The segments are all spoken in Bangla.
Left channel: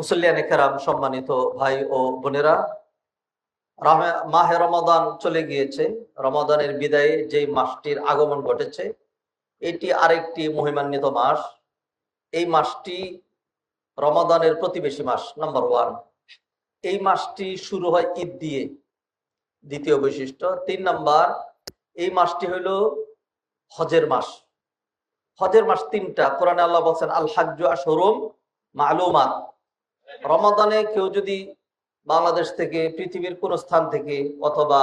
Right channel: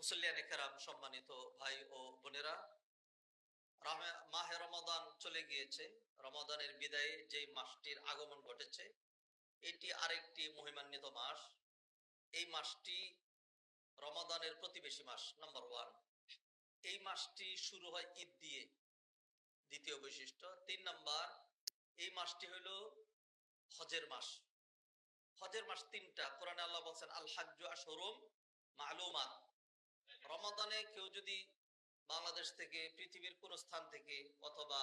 মুসল্লিয়ানে কেরাম, সম্মানিত ভাই ও বোনেরা, মাহে রমাদান চলে গিয়েছে। রমাদানের বিদায়ে যে মাসটির আগমন ঘটেছে, এটি আরেকটি মহিমান্বিত মাস। এই মাসটি রমাদানের প্রতিবেশী মাস, নাম্বার ওয়ান। এই মাসটি শুরু হয় ঈদ দিয়ে, দ্বিতীয় বৈশিষ্ট্য। 3 নাম্বার, এই মাসটি হইল হজের মাস। হজের মাস 3টা। কোরআনে আল্লাহ বলছেন আল হাজ্জু আশহুরুম মালুমাত। রমাদানে কেউ যদি বাংলাদেশ থেকে, পৃথিবীর কোন স্থান থেকে অথবা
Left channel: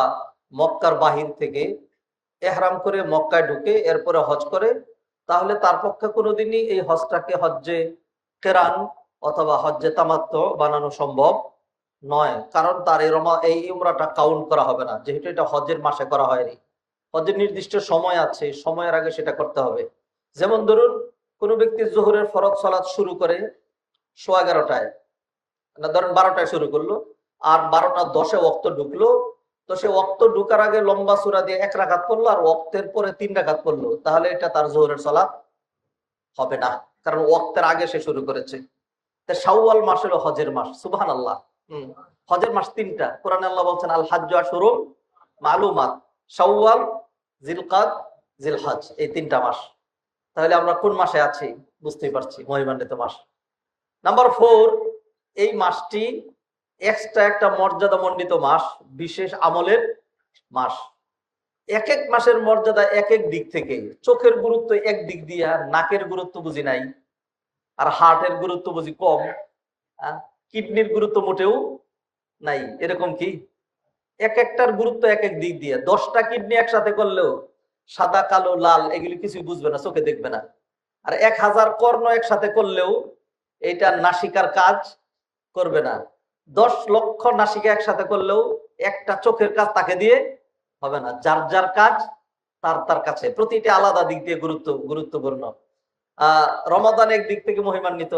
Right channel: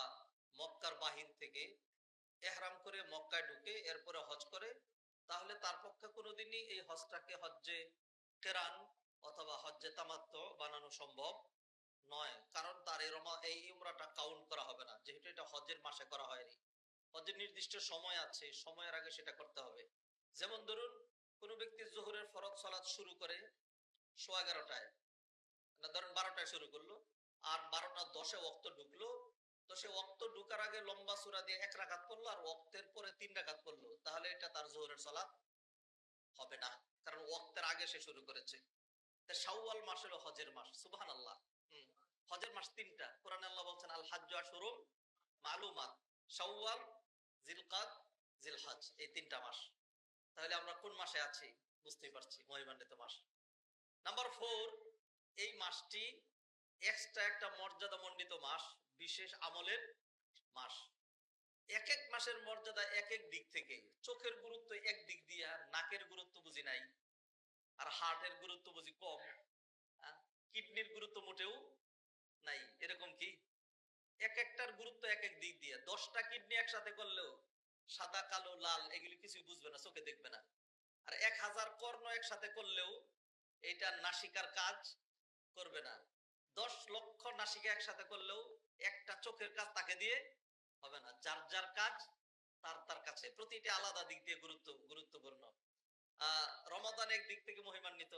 মক্কার বাহির থেকে এহরাম করে মক্কায় ঢুকে এরপরে হজ করে, তাহলে তার পক্ষে কোনোদিনই এই হজটাকে হজ্জে কেরান অথবা হজ্জে তামাত্তু বানানো সম্ভব নয়। কারণ তার এই উমরাটা কাউন্ট করা হবে না, যেহেতু এটা হজের মাসে করা হয়নি। হজের নির্দিষ্ট সময় আছে, সময়ের আগে সেটা করতে হবে। যেমন ধরুন, কোনো ব্যক্তি জোহরের ফরজ সালাত শুরু করে 11:15, না ধরেন 12টায় শুরু করলো, আর 12:10 ওয়াক্ত ঢুকলো, তো সে ওয়াক্ত ঢুকার আগে লম্বা সূরা দিয়ে 1 রাকাত পড়লো আর ওয়াক্তের পরে 3 রাকাত পড়লো, তাহলে এটা তার জোহরের সালাত হবে না, কারণ ওয়াক্তের আগে সে শুরু করেছে। শাওয়াল মাস হলো হজের মাস। সুবহানাল্লাহ। হজের মাস 3টা। কোরআনে আল্লাহ বলছেন আল হাজ্জু আশহুরুম মালুমাত। শাওয়াল, জিলকাদ, জিলহজ, এই 3টা মাস। তাহলে আমরা কোন মাসে আছি বুঝতেই পারছি, মহিমান্বিত মাস। নাম্বার 4, এই মাসটি এক্সট্রা একটা মর্যাদা মণ্ডিত মাস, বিশেষ আমলের মাস। এক এক মাসের মর্যাদা এক এক দিক থেকে। চোখের গুরুত্ব এক দিক দিয়া, নাকের গুরুত্ব বুঝি নাই, আর হার্টের গুরুত্ব বুঝি কম, কিডনির গুরুত্ব মোটেও নাই। এরকম কি? এক একটার গুরুত্ব এক এক দিক দিয়ে। 10টা কিডনি একসাথে করলেও সাদা, কালো, লাল এগুলি কিছুই বুঝবে না, চোখে দেখবে না। আর 1000 কর্ণ একসাথে করলেও এটা নাসিকার কাজ করবে না। 10 লক্ষ নাসিকা একসাথে করলেও একটা চোখের কাজ তাকে দিয়ে হবে না। যার যার কাজ তার তার কাছে, প্রতিটা আলাদা দিক দিয়ে গুরুত্বপূর্ণ। রমাদান এক দিক থেকে মহিমান্বিত,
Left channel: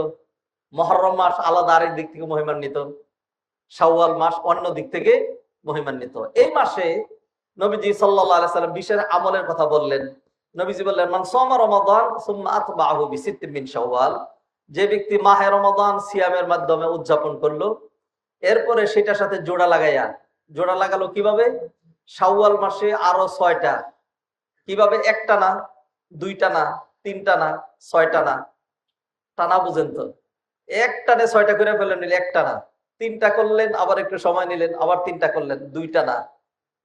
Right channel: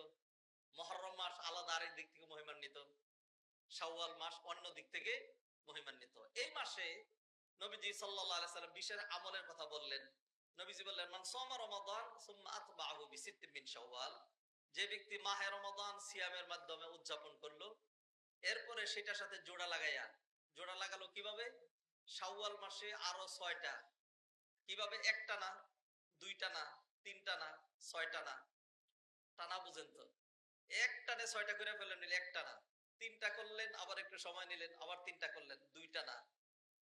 মুহররম মাস আলাদা আরেক দিক থেকে মহিমান্বিত, শাওয়াল মাস অন্য দিক থেকে মহিমান্বিত। এই মাসে নবীজি সাল্লাল্লাহু আলাইহি সাল্লাম বিশেষ আমলের কথা বললেন। নবীজি বললেন মান সামা রমাদান সুম্মা আতবাহু বিসিত্তিন মিন শাওয়াল, যে ব্যক্তি মাহে রমাদান সিয়ামের মাধ্যমে উদযাপন করলো, এরপরে সেটার সাথে জোড়া লাগালো কিভাবে? শাওয়াল মাসে আরো 6টা। কিভাবে? একটা না, 2টা না, 3টা না, 6টা না। টানা বুঝেন তো, এক টানে 6টা করে ফেলেন, নিলে একটা না। 3টা করলেন, আবার একটু সময় নিলেন, আবার 3টা করলেন, 2টা না।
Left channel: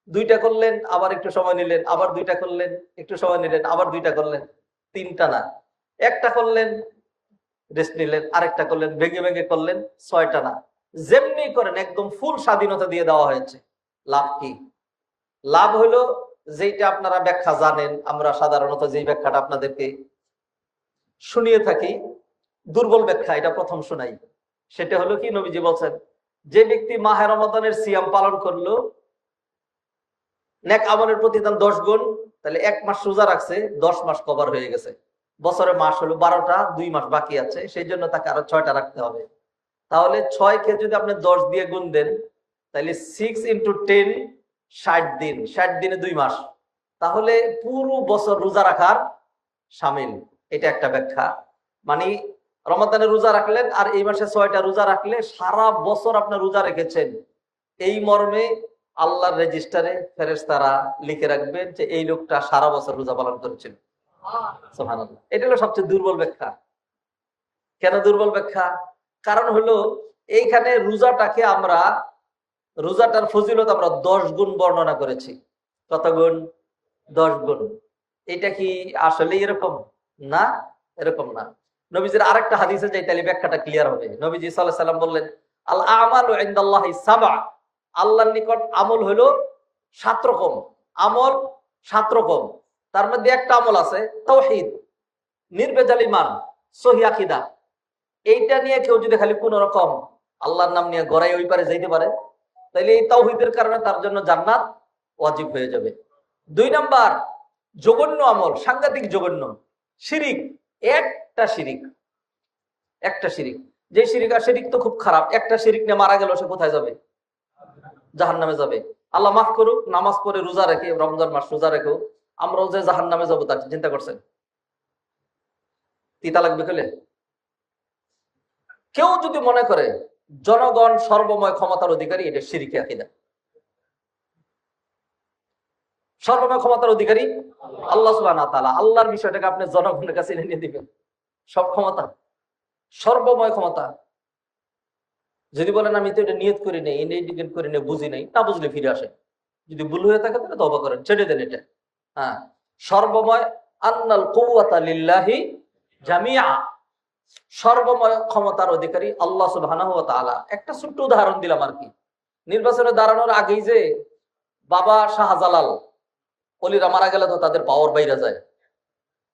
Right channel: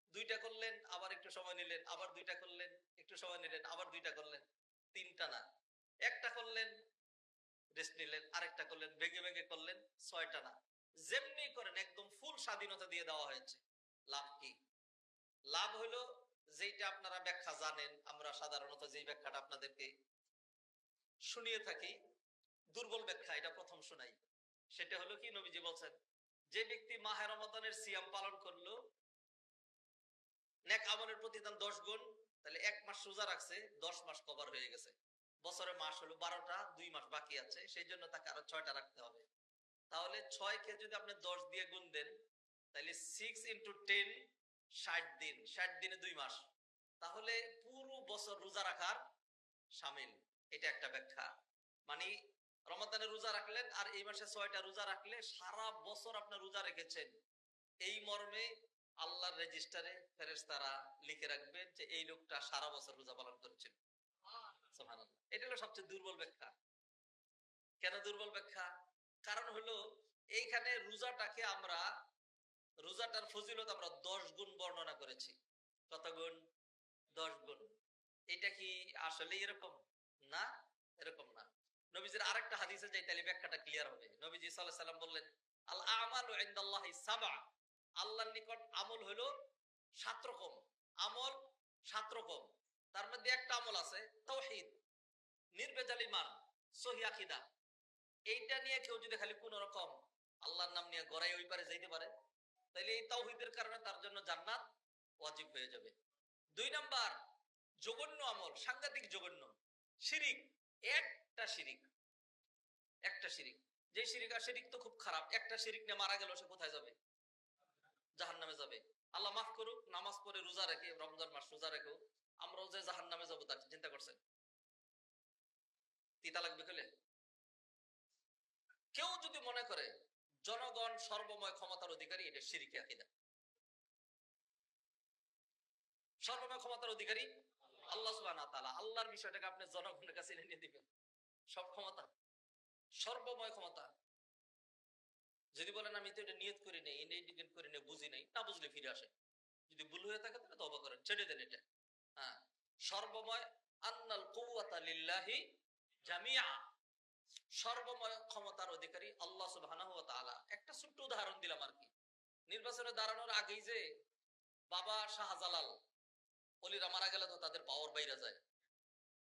2টা করলেন, আবার একটু সময় নিলেন, আবার 2টা করলেন, একটু সময় নিলেন, আবার 2টা করলেন, 3টা না। একটা করলেন, রেস্ট নিলেন, আরেকটা করলেন, ভেঙে ভেঙে করলেন, 6টা না। যেমনি করেন একদম ফুল স্বাধীনতা দিয়ে দেওয়া হয়েছে। লাভ কি? লাভ হলো যেটা আপনারা ব্যাখ্যা জানেন, আমরা সাধারণত যেই ব্যাখ্যাটা আপনাদেরকে শুনিয়ে থাকি, দুর্বল ব্যাখ্যা, এটা প্রথম শোনাই। সেটা হলো কি, নবীজি বলছেন যে ব্যক্তি মাহে রমাদানের সিয়াম পালন করলো, নেক আমলের প্রতিদান 10 গুণ। তাহলে 1 মাস রোজা রাখছে, 10 মাস কভার হয়ে গেছে। বছরে মাস হলো 12টা, 2 মাস বাকি আছে, সেই জন্য তাকে আরো 6টা রাখতে হবে। তাহলে 6 কে যদি আপনি 10 দিয়ে গুণ দেন, তাহলে 6 × 10, 60 দিন। 60 দিনে 2 মাস, তাহলে পুরো বছর রোজা রাখার শামিল। এটা একটা ব্যাখ্যা। মানে রমাদানে রোজা রাখলেন আর এই মাসে 6টা রোজা রাখলে সারা বছর আপনি রোজা রেখেছেন, এই মর্মে আল্লাহর রেজিস্টারে ফেরেশতারা লিখে রাখবেন যে এই লোকটা সারা বছর রোজা পালন করেছিল। সুবহানাল্লাহ। এটা হলো সবচেয়ে দুর্বল ব্যাখ্যা। কেন দুর্বল ব্যাখ্যা? কারণ হলো এইখানে রোজাটার ফজিলত আমরা 10 গুণ বর্ণনা করেছি। কত গুণ? 10 গুণ। এটা কি আসলে এরকম? না, এরকম না। নবীজির আরেকটা হাদিসে যাই, তাহলে ব্যাখ্যাটা ক্লিয়ার হবে। নবীজি সাল্লাল্লাহু আলাইহি সাল্লাম বললেন আল আমালু ইনদাল্লাহি সাবআ, আল্লাহর নিকট আমল হলো 7 রকম। আমল 7 রকম। তার মধ্যে একটা আমল আছে তাওহীদ, নির্ভেজাল ঈমান, সহিহ আকীদা। এইটা নিয়ে কেউ যদি খালি কোন রকম আল্লাহর নাম নিয়ে গড়াই ওই পারে যাইতে পারে, তাহলে এই তাওহীদের কারণে তার জন্য জান্নাত ওয়াজিব হয়ে যাবে। 2 নাম্বার, জঘন্য আমল, সাংঘাতিক জঘন্য শিরিক। একটা শিরিক, যে শিরিক, আর শিরিক তো খুব খারাপ। একটা শিরিক নিয়ে মারা গেল, সে কোথায় যাবে? জাহান্নামে যাবে। আল্লাহ মাফ করুক, নামাজ পড়ে রোজা রেখে, রমজান মাস রোজা রেখেও আমরাও যে জাহান্নামে যাবো তার চিন্তা করছেন? তিতা লাগবে খেলে? কেউ যদি মনে করে জনগণ সর্বময় ক্ষমতার অধিকারী, এটা শিরকি আকীদা। সর্বময় ক্ষমতার অধিকারী আল্লাহ সুবহানাহু ওয়া তাআলা। আল্লাহর বিষয়টাকে আপনি জনগণের কাছে এনে দিবেন। সব ক্ষমতা, সর্বময় ক্ষমতা। যদি বলেন আমি তো এটা নিয়ত করি নাই, ইন্ডিকেট করি নাই, বুঝি নাই, না বুঝলে ফিরে আসেন। যদি ভুল হয়ে থাকে তাহলে তওবা করেন, ছেড়ে দেন এটা। হ্যাঁ, সর্বময় আন্নাল কুওয়াতা লিল্লাহি জামিআ, সর্বময় ক্ষমতার অধিকারী আল্লাহ সুবহানাহু ওয়া তাআলা। একটা ছোট্ট উদাহরণ দিলাম আর কি। নির্বাচনে দাঁড়ানোর আগেই যে বাবা শাহজালাল অলিরা মারা গেলে তো তাদের পাওয়ার বাইরে যায়।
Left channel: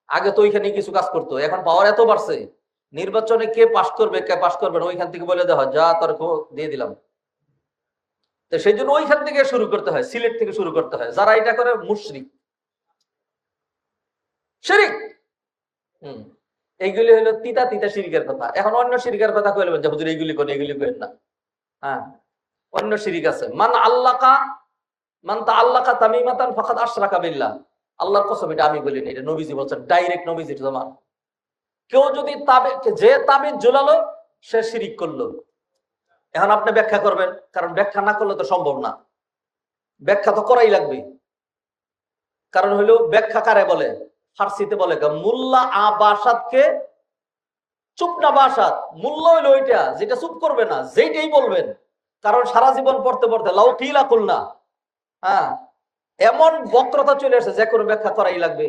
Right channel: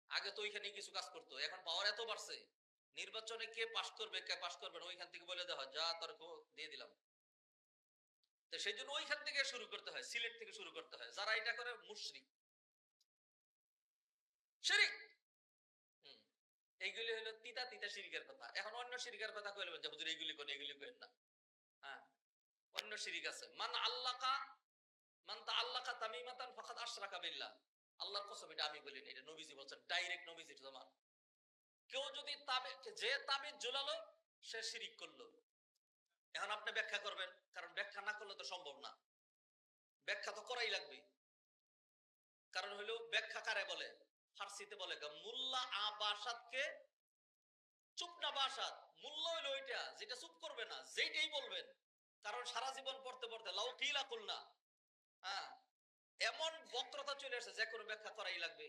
আগে তো ওইখানে কিছু কাজ করতো, এখন পাওয়ার এত বাড়ছে, নির্বাচনে কে পাশ করবে কে পাশ করবে না ওইখান থেকে বলে দেওয়া হয়, যা তর্ক দিয়ে দিলাম। তো সেই জন্য ওইখান থেকে শুরু করতে হয়, সিলেট থেকে শুরু করতে হয়। যারা এটা করে মুশরিক, শিরিক। এইগুলি হলো তিতা তিতা শিরিকের কথা। এখন অন্য শিরিকের কথা কইলেন যে হুজুর এইগুলি করেন, এগুলি করেন না। হ্যাঁ, অন্য শিরিক আছে। মান তাআল্লাকা তামিমাতান ফাকাদ আশরাকা বিল্লাহ। আল্লাহর কসম, এটা আমি বলিনি, এটা নবীজি বলছেন, ডাইরেক্ট নবীজির জমান। কেউ যদি যে তাবিজ ঝুলালো সে শিরিক করলো। এখন আপনি ব্যাখ্যা করবেন, কারণ ব্যাখ্যা না করলে তো সম্ভব না, ব্যাখ্যা তো করাই লাগবে। কারণ হইলো ব্যাখ্যা কারে বলে, ফার্সিতে বলে মুল্লা আবাসাদকে চুপ না বাসাদ। মূল্য হইলো ওইটা যেটা চুপ করবে না, যেইটাই বলবেন। কারণ সারা জীবন পড়তে পড়তে লাউ কিলা কুলনা, হ্যাঁ, এমন বক্রতা চলে আসে যে কোনো ব্যাখ্যা করাই লাগবে।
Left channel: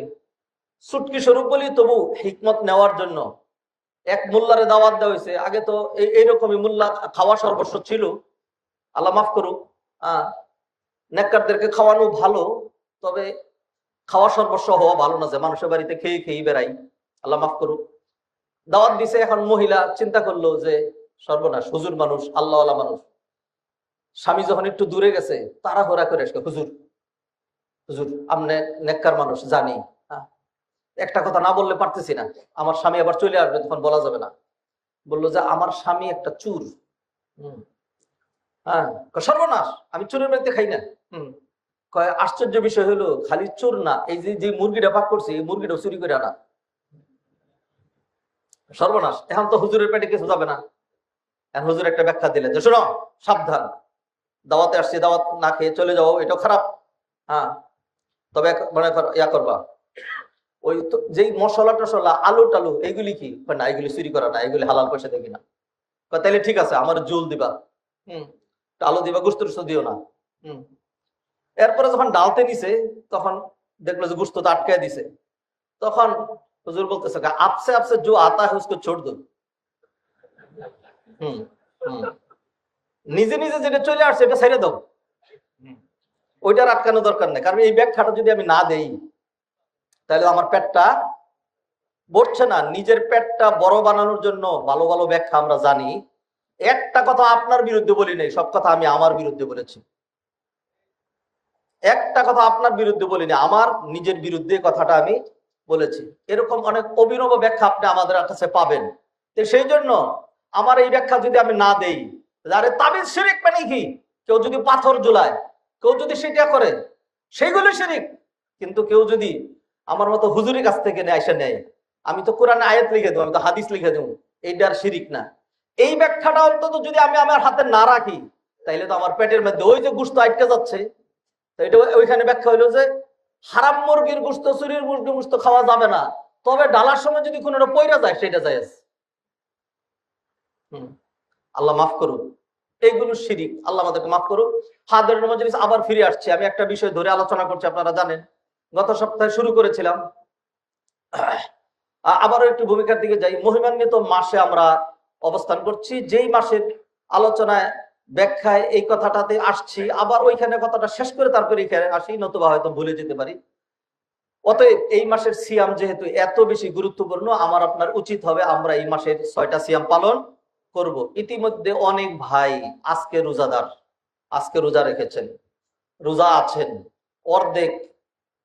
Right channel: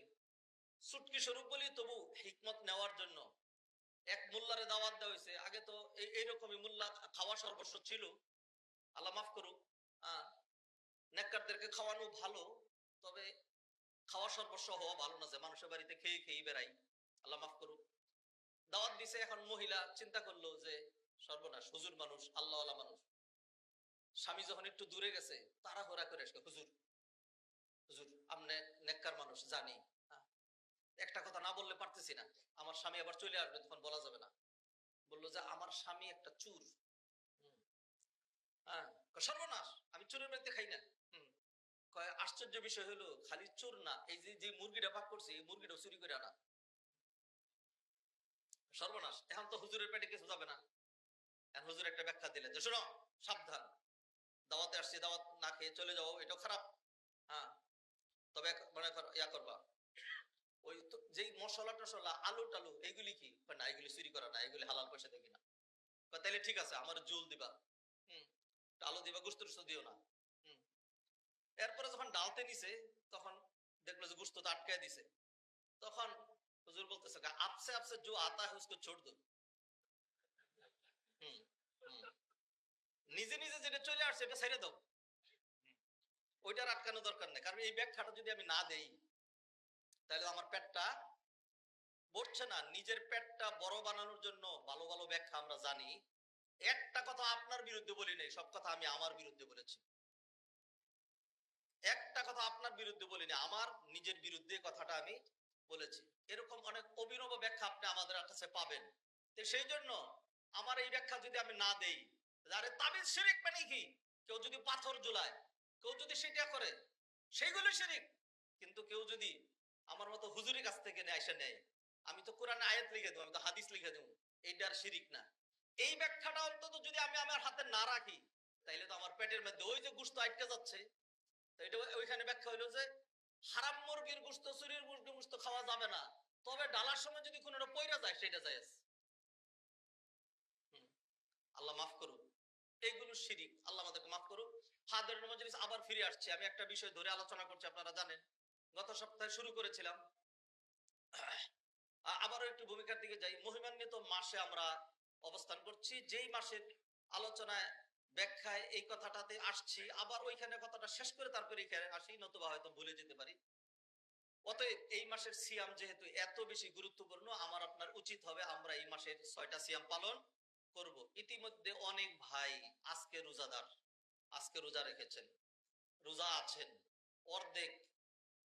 চুটকি স্বরূপ বলি তবু হিকমত নেওয়ার জন্য এক মোল্লারে দাওয়াত দেওয়া হয়েছে। আগে তো এইরকমই মোল্লা খাওয়া সর্বস্ব ছিল, আল্লাহ মাফ করুক। নেককারদেরকে খাওয়ানো ভালো, তবে খাওয়া সর্বস্ব হওয়া ভালো না, যে মানুষের বাড়িতে খেয়ে খেয়ে বেড়াই, আল্লাহ মাফ করুক। দাওয়াত দিছে, এখন মহিলা চিন্তা করলো যে সর্বনাশ, হুজুর মানুষ, আল্লাহওয়ালা মানুষ, স্বামী যখন একটু দূরে গেছে তাড়াহুড়া করে আসবে, হুজুর হুজুর আপনি নেককার মানুষ জানি, একটা কথা না বললে পারতেছি না, আমার স্বামী আবার চলে আসবে, তখন বলা যাবে না। বললো যে আমার স্বামী একটা চুর। হ্যাঁ, সর্বনাশ, আমি চুরের বাড়িতে খাই না। আশ্চর্য বিষয় হলো খালি চোর না, এই যে মুরগিটা পাক করছে এই মুরগিটা চুরি করে আনা। সর্বনাশ, এখন তো হুজুরের পেটে কিছু যাবে না। এখন হুজুর একটা ব্যাখ্যা দিলেন যে শোনো, সাবধান, দাওয়াতে আসছি, দাওয়াত না খেয়ে চলে যাও, এটা খারাপ। হ্যাঁ, তবে মানে ইয়া করবা, ওই যেই মশলা টসলা আলু টালু এইগুলি কি না, এগুলি চুরি করা না, এগুলি হালাল পয়সা দেখি না। তাইলে ঠিক আছে, আমার জুল দিবা, আলু দিবা, গোস্ত টুস্ত দিও না। এরপরে যখন ডালতে নিছে তখন দেখলো যে গোস্ত আটকায় দিছে। তখন হুজুর বলতেছে আপসে আপসে जो आता है उसको छोड़ दो। নিজে নিজে যেটা চলে আসছে এটা ছেড়ে দাও, ওইটার আটকানো দরকার নেই। কারণ এই ব্যাখ্যাটা যদি আমি না দেই তাহলে আমার পেটটা ভরছে না। নিজের পেটটা বড় বানানোর জন্য ভালো ভালো ব্যাখ্যা আমরা জানি। একটা কথা আপনার বিরুদ্ধে বলি নাই, সব কথা আমি আমার বিরুদ্ধে বলেছি। একটা কথা আপনার বিরুদ্ধে বলিনি, আমার নিজের বিরুদ্ধে কথাটা আমি বলেছি। এরকম অনেক অভিনব ব্যাখ্যা আপনি আমাদের কাছে পাবেন। তো সেই জন্য আমার এই ব্যাখ্যা যদি আমি না দেই, আরে তাবিজ শিরিক মানে কি, কেউ যদি পাথর ঝুলায়, কেউ যদি সেটা করে, সেইগুলো শিরিক। কিন্তু কেউ যদি আমার মতো হুজুরের কাছ থেকে এসে নেয়, আমি তো কোরআনে আয়াত লিখে দেবো, আমি তো হাদিস লিখে দেবো, এইটার শিরিক না। এই ব্যাখ্যাটা অন্তত যদি আমি আমার হাতে না রাখি, তাইলে তো আমার পেটের মধ্যে ওই যে গোশত আটকে যাচ্ছে। এটা ওইখানে ব্যাখ্যা হইলো যে হারাম মুরগির গোশত, চুরির মুরগির গোশত খাওয়া যাবে না, তবে ডালার সময় যদি কোনো পয়রা যায় সেটা জায়েজ। আল্লাহ মাফ করুন, এইগুলো শিরিক, আল্লাহ আমাদেরকে মাফ করুন। হাদিসের মজলিস আবার ফিরে আসছে। আমি একটা বিষয় ধরে আলোচনা করছি, আপনারা জানেন গত সপ্তাহে শুরু করেছিলাম, আবারও একটু ভূমিকার দিকে যাই। মহিমান্বিত মাসে আমরা অবস্থান করছি, যেই মাসের আলোচনায় ব্যাখ্যায় এই কথাটাতে আসছি, আবার ওইখানে কথাটা শেষ করে তারপরে এখানে আসি, নতুবা হয়তো ভুলে যেতে পারি। অতএব এই মাসের সিয়াম যেহেতু এত বেশি গুরুত্বপূর্ণ, আমার আপনার উচিত হবে আমরা এই মাসের 6টা সিয়াম পালন করব। ইতিমধ্যে অনেক ভাই আজকে রোজাদার, আজকে রোজা রেখেছেন, রোজা আছেন, অর্ধেক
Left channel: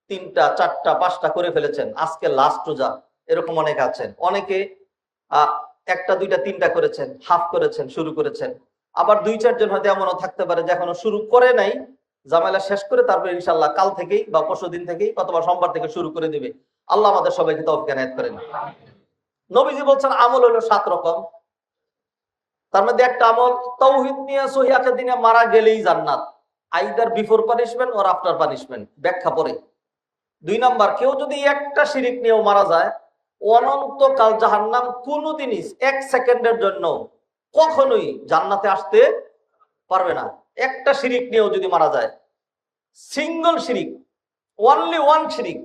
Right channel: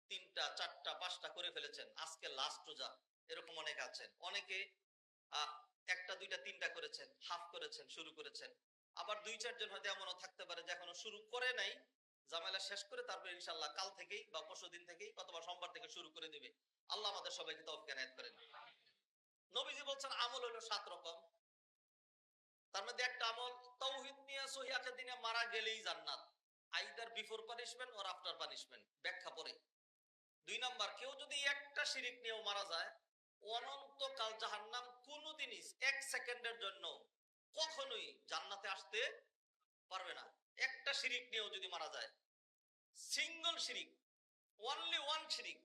3টা 4টা 5টা করে ফেলেছেন, আজকে লাস্ট রোজা, এরকম অনেক আছেন। অনেকে 1টা 2টা 3টা করেছেন, হাফ করেছেন, শুরু করেছেন। আবার 2-4 জন হয়তো এমনও থাকতে পারে যে এখনো শুরু করে নাই, জামেলা শেষ করে তারপরে ইনশাল্লাহ কাল থেকেই বা পরশুদিন থেকেই অথবা সোমবার থেকে শুরু করে দিবে। আল্লাহ আমাদের সবাইকে তৌফিক এনায়েত করেন। নবীজি বলছেন আমল হলো 7 রকম। তার মধ্যে একটা আমল, তাওহীদ নিয়ে সহিহ আকীদা নিয়ে মারা গেলেই জান্নাত, either before punishment or after punishment, ব্যাখ্যা পরে। 2 নাম্বার, কেউ যদি একটা শিরিক নিয়েও মারা যায়, অনন্তকাল জাহান্নাম, কোনোদিনই 1 সেকেন্ডের জন্য কখনোই জান্নাতে আসতে পারবে না। একটা শিরিক নিয়েও যদি মারা যায়, সিঙ্গল শিরিক, অনলি ওয়ান শিরিক,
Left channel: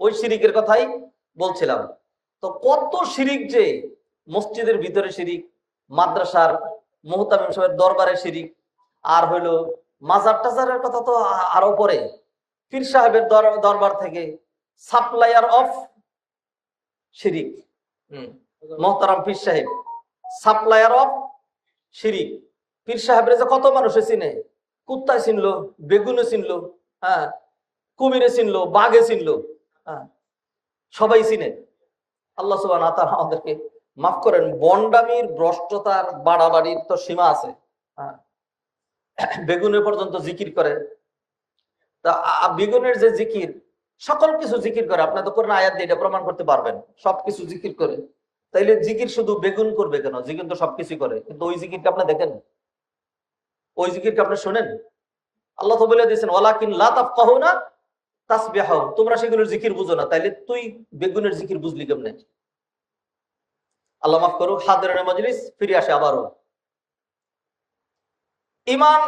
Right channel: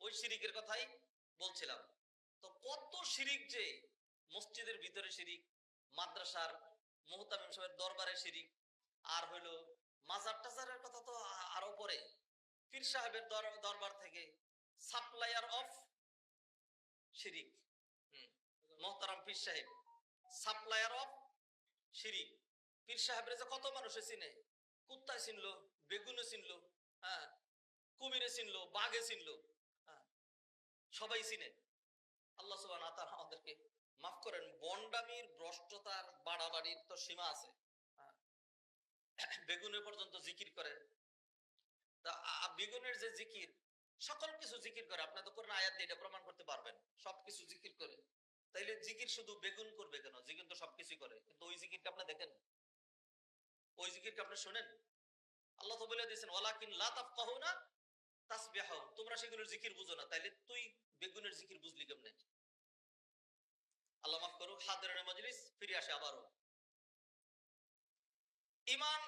ওই শিরিকের কথাই বলছিলাম। তো কত শিরিক, যে মসজিদের ভিতরে শিরিক, মাদ্রাসার মুহতামিম সাহেবের দরবারে শিরিক, আর হইল মাজার টাজারের কথা তো আরো পরে, পীর সাহেবের দরবার থেকে সাপ্লায়ার অফ শিরিক, মোহতারাম পীর সাহেব সাপ্লায়ার অফ শিরিক। পীর সাহেবের যে কত মানুষে চিনে, কুত্তায় চিনলো, বেগুনে চিনলো, হ্যাঁ, কুমিরে চিনলো, বাঘে চিনলো, হ্যাঁ, সবাই চিনে। আল্লাহ সুবহানাহু ওয়া তাআলা আমাদেরকে মাফ করেন। বন্ডামির, ভ্রষ্টতার, বাড়াবাড়ির তো সীমা আছে। হ্যাঁ, বেগুনে পর্যন্ত জিকির করে। তা বেগুনের যে জিকির, সকল কিছু জিকির করে, আপনার তো কোরআন আয়াত দিয়ে এটা প্রমাণ করতে পারবেন, সবকিছু জিকির করে। তাইলে জিকির শুধু বেগুন করবে কেন? জিকির তো সবকিছু করে, কিন্তু ওই জিকিরকে আপনি দেখেন, ওই জিকিরকে আপনি শোনেন? আল্লাহ তো বলে দিয়েছেন, ওয়ালাকিন লা তাফকাহুনা তাসবিহাহুম, তোমরা সেগুলোর জিকির বুঝো না। তাইলে তুই বেগুনের জিকির বুঝলি কেমনে? আল্লাহ মাফ করুক। হাদিরের মজলিস ফিরে আসে আবারও। ঈমান,